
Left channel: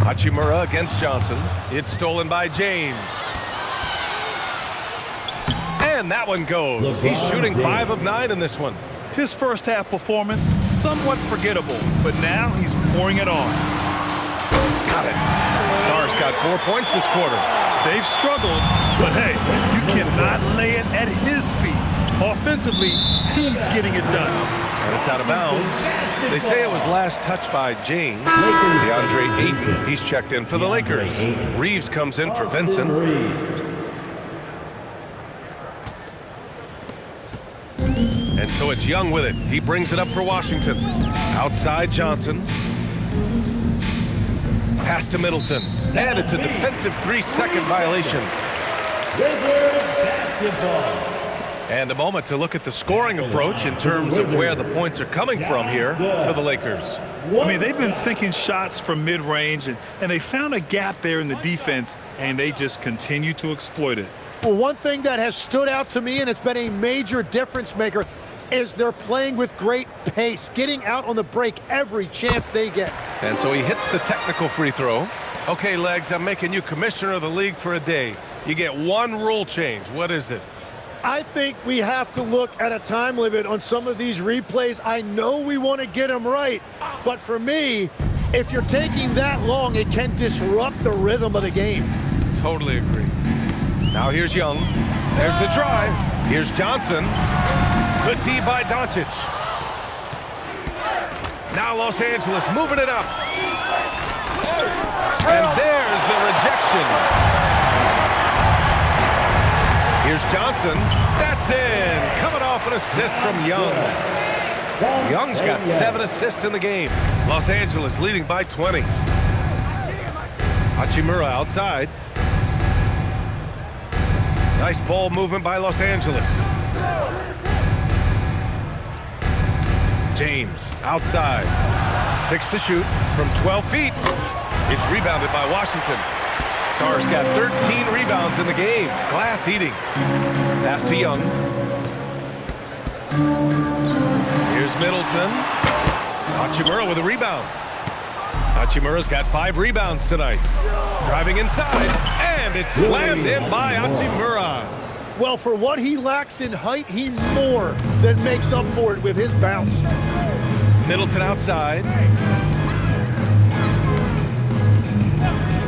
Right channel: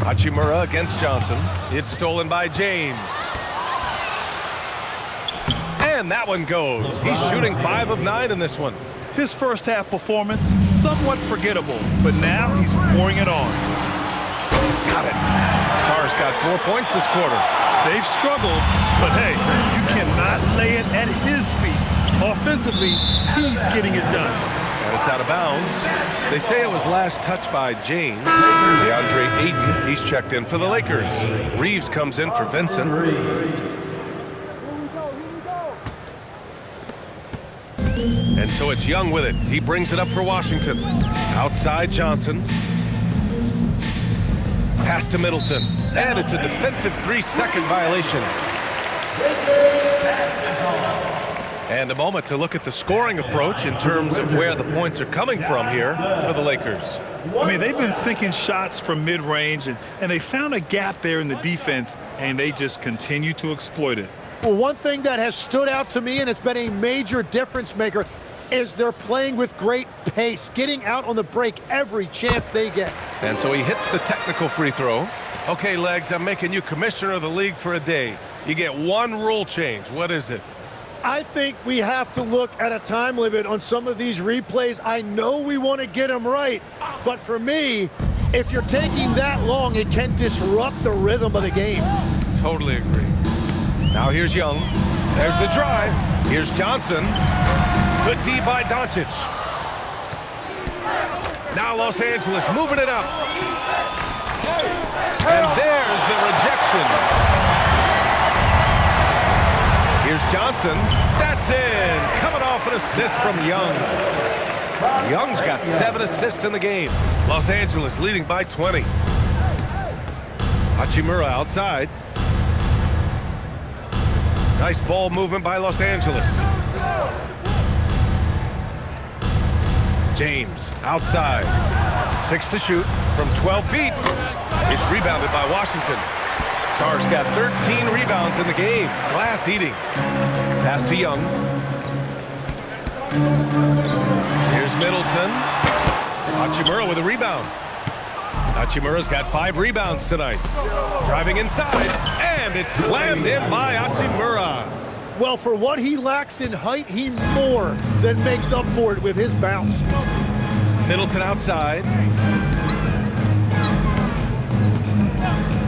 Hachimura against Johnson. It's stolen by James. And that one goes. He's shooting 5 of 9 in this one. His first half performance, somewhat forgettable, but now he's pouring it on. Got it. Sars got 4 points this quarter. They've struggled, but hey, you cannot lay it at his feet. Offensively, he's getting it done. And it's out of bounds. They say it was last touched by James. DeAndre Ayton, he's checked in for the Lakers. Reeves comes in for Vincent. And so it's Young with it. He brings it up for Washington. Outside Johnson. Pass to Middleton. And it's a defensive 3-second violation. And a moment to look at the scoring approach in terms of where the points are coming from here for the Lakers. I mean, they've been sinking shots from mid-range, and they found a gap there in the defense, and they just continue to exploit it. Well, one thing that has stood out to me, and it's been a major difference maker, is they're playing with great pace, getting out on the break every chance they get. And so he hits the technical free throw. Okay, Legs, I'm making you commissioner of the league for a day. You get 1 rule change. What is it? I think we have to look at a time limit on some of these replays. I know we want to get them right, but for me, If you're taking that long, it can disrupt the rhythm of the game. Totally agree. Now here's Young. There's the drive. Here's Johnson. Good D by Doncic. Now Los Angeles moving it up. And there's the rejection. Here's Johnson. That's in. Coming off an assist from Young. Young's got 7 assists in the game. Los Angeles leading by 20. Hachimura outside. Nice ball movement by Los Angeles. James outside. 6 to shoot from 12 feet. It's rebounded by Washington. Sarr's got 13 rebounds in the game. Glass eating. Pass to Young. Here's Middleton. Hachimura with a rebound. Hachimura's got 5 rebounds tonight. Driving inside, and it's slammed in by Hachimura. Well, for what he lacks in height, he more than makes up for it with his bounce. Middleton outside.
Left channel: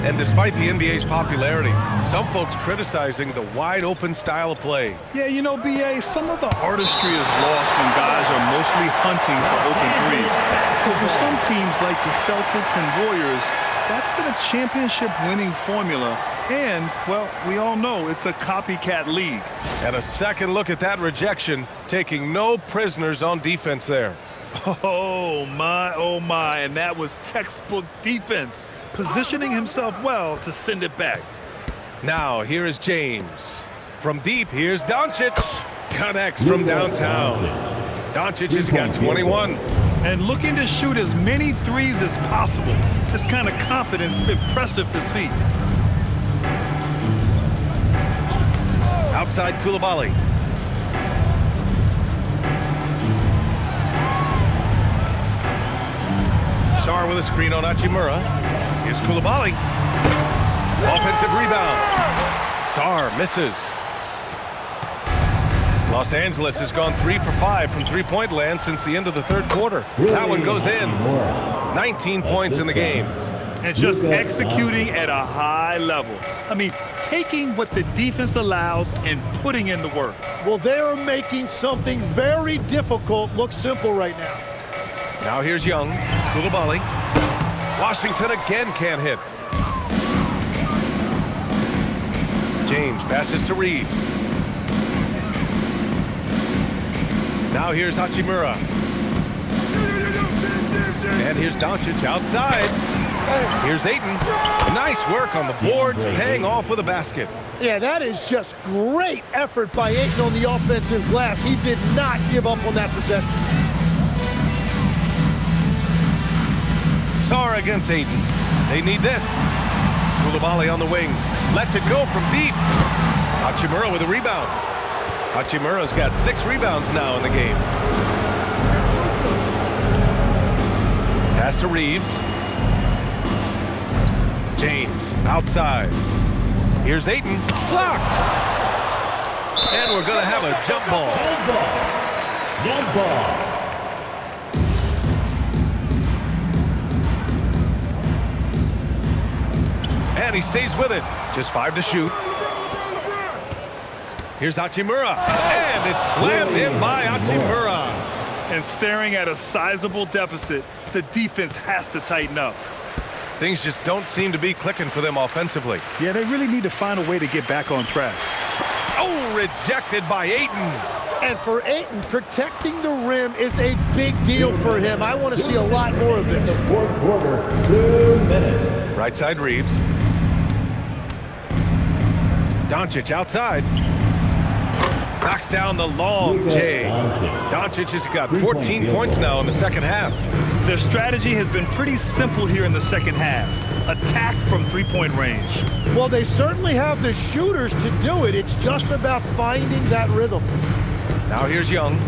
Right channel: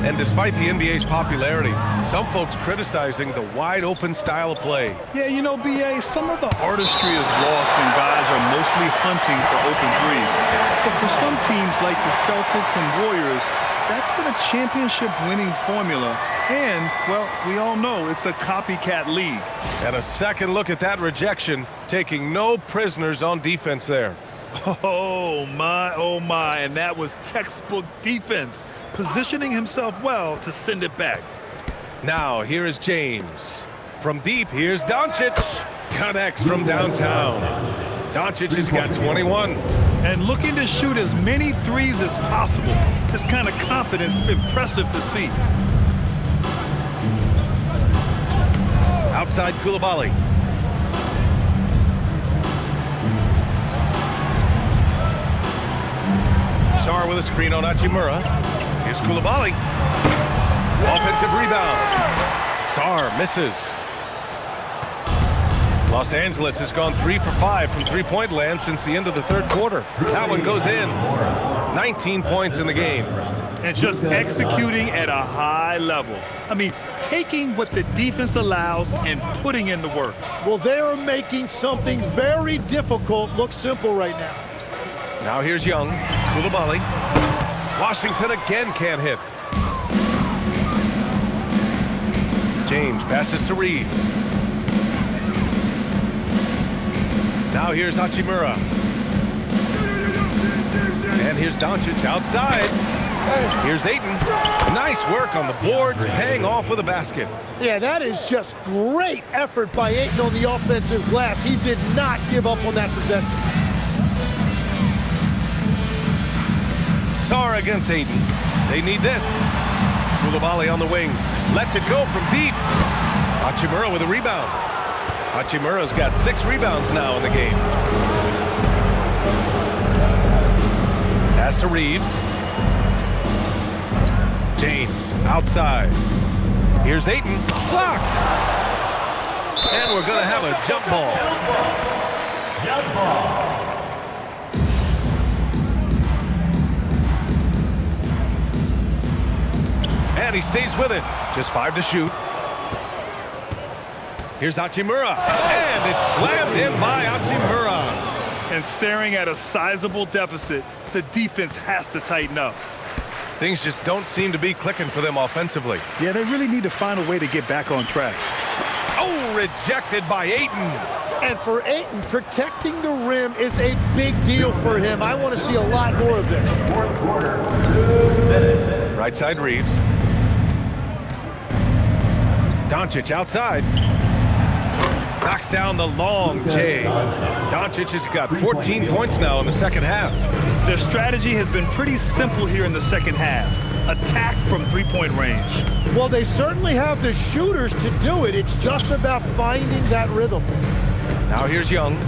And despite the NBA's popularity, some folks criticizing the wide-open style of play. Yeah, you know, BA, some of the artistry is lost when guys are mostly hunting for open threes. But for some teams like the Celtics and Warriors, that's been a championship-winning formula. And, well, we all know it's a copycat league. And a second look at that rejection, taking no prisoners on defense there. Oh, my, and that was textbook defense, positioning himself well to send it back. Now, here is James. From deep, here's Doncic. Connects from downtown. Doncic has got 21. And looking to shoot as many threes as possible. This kind of confidence is impressive to see. Outside Coulibaly. Sarr with a screen on Hachimura. Here's Coulibaly. Offensive rebound. Sarr misses. Los Angeles has gone 3 for 5 from three-point land since the end of the third quarter. That one goes in. 19 points in the game. And just executing at a high level. I mean, taking what the defense allows and putting in the work. Well, they are making something very difficult look simple right now. Now here's Young. Coulibaly. Washington again can't hit. James passes to Reeves. Now here's Hachimura. And here's Doncic outside. Here's Ayton. Nice work on the boards, paying off with a basket. Yeah, that is just great effort by Ayton on the offensive glass. He did not give up on that possession. Sarr against Ayton. They need this. Coulibaly on the wing. Lets it go from deep. Hachimura with a rebound. Hachimura's got 6 rebounds now in the game. Pass to Reeves. James outside. Here's Ayton. Blocked. And we're going to have a jump ball. Jump ball. And he stays with it. Just 5 to shoot. Here's Hachimura. And it's slammed in by Hachimura. And staring at a sizable deficit, the defense has to tighten up. Things just don't seem to be clicking for them offensively. Yeah, they really need to find a way to get back on track. Oh, rejected by Ayton. And for Ayton, protecting the rim is a big deal for him. I want to see a lot more of this. Fourth quarter, 2 minutes. Right side Reeves. Doncic outside. Knocks down the long J. Doncic has got 14 points now in the second half. Their strategy has been pretty simple here in the second half. Attack from three-point range. Well, they certainly have the shooters to do it. It's just about finding that rhythm. Now here's Young.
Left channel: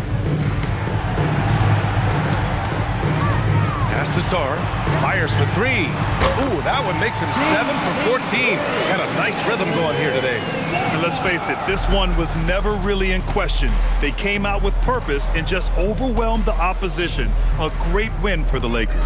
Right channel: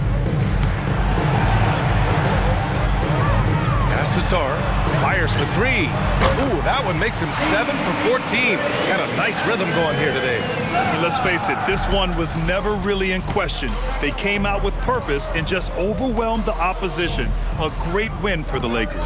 Pass to Sarr. Fires for 3. Ooh, that one makes him 7 for 14. Got a nice rhythm going here today. And let's face it, this one was never really in question. They came out with purpose and just overwhelmed the opposition. A great win for the Lakers.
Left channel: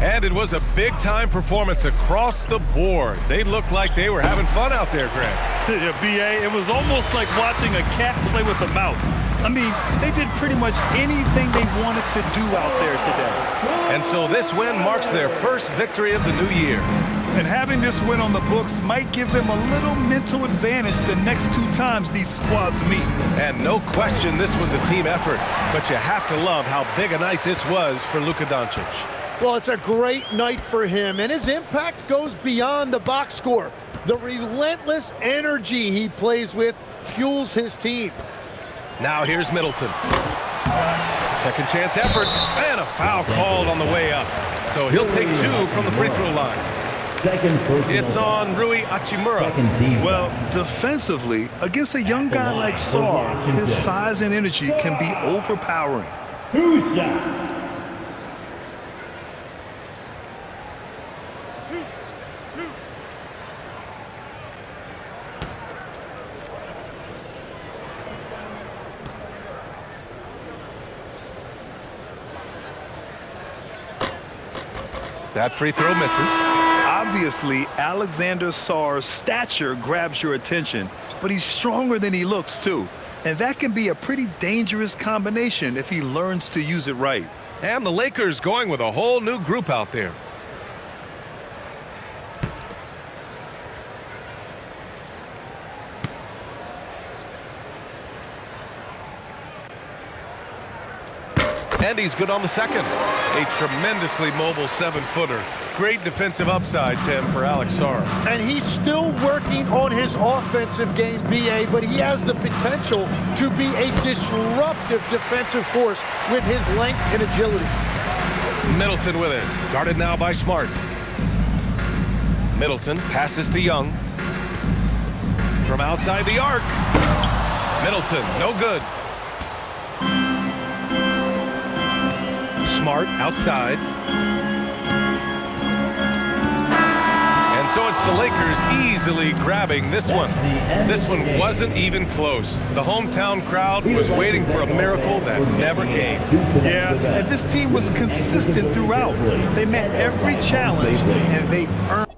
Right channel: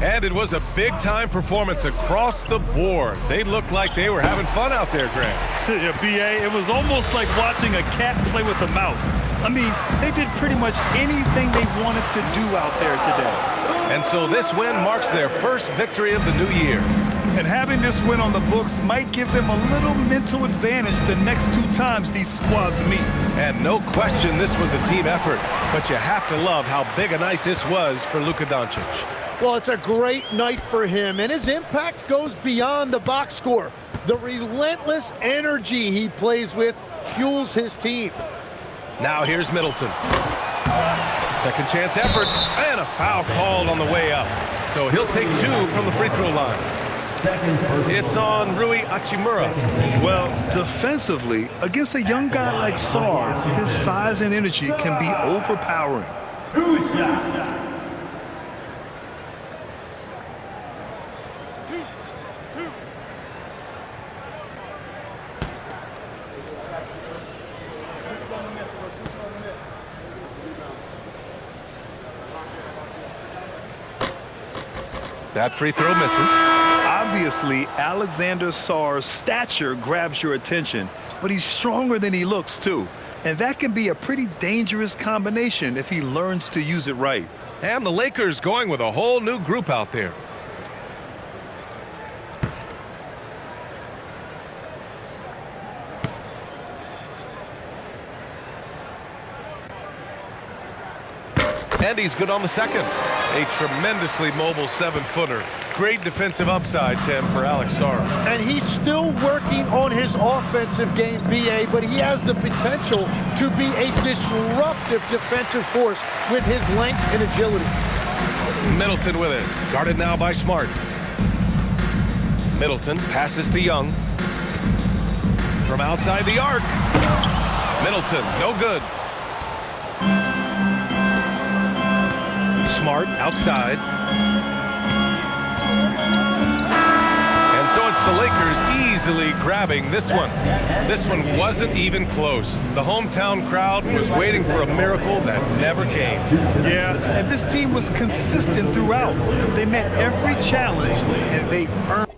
And it was a big-time performance across the board. They looked like they were having fun out there, Grant. Yeah, B.A., it was almost like watching a cat play with a mouse. I mean, they did pretty much anything they wanted to do out there today. And so this win marks their first victory of the new year. And having this win on the books might give them a little mental advantage the next 2 times these squads meet. And no question this was a team effort, but you have to love how big a night this was for Luka Doncic. Well, it's a great night for him, and his impact goes beyond the box score. The relentless energy he plays with fuels his team. Now here's Middleton. Second chance effort, and a foul called on the way up. So he'll take 2 from the free throw line. It's on Rui Hachimura. Well, defensively, against a young guy like Sarr, his size and energy can be overpowering. 2 shots. That free throw misses. Obviously, Alexander Sarr's stature grabs your attention, but he's stronger than he looks, too. And that can be a pretty dangerous combination if he learns to use it right. And the Lakers going with a whole new group out there. And he's good on the second. A tremendously mobile 7-footer. Great defensive upside, Tim, for Alex Sarr. And he's still working on his offensive game, B.A., but he has the potential to be a disruptive defensive force with his length and agility. Middleton with it. Guarded now by Smart. Middleton passes to Young. From outside the arc. Middleton, no good. Smart outside. And so it's the Lakers easily grabbing this one. This one wasn't even close. The hometown crowd was waiting for a miracle that never came. Yeah, and this team was consistent throughout. They met every challenge, and they earned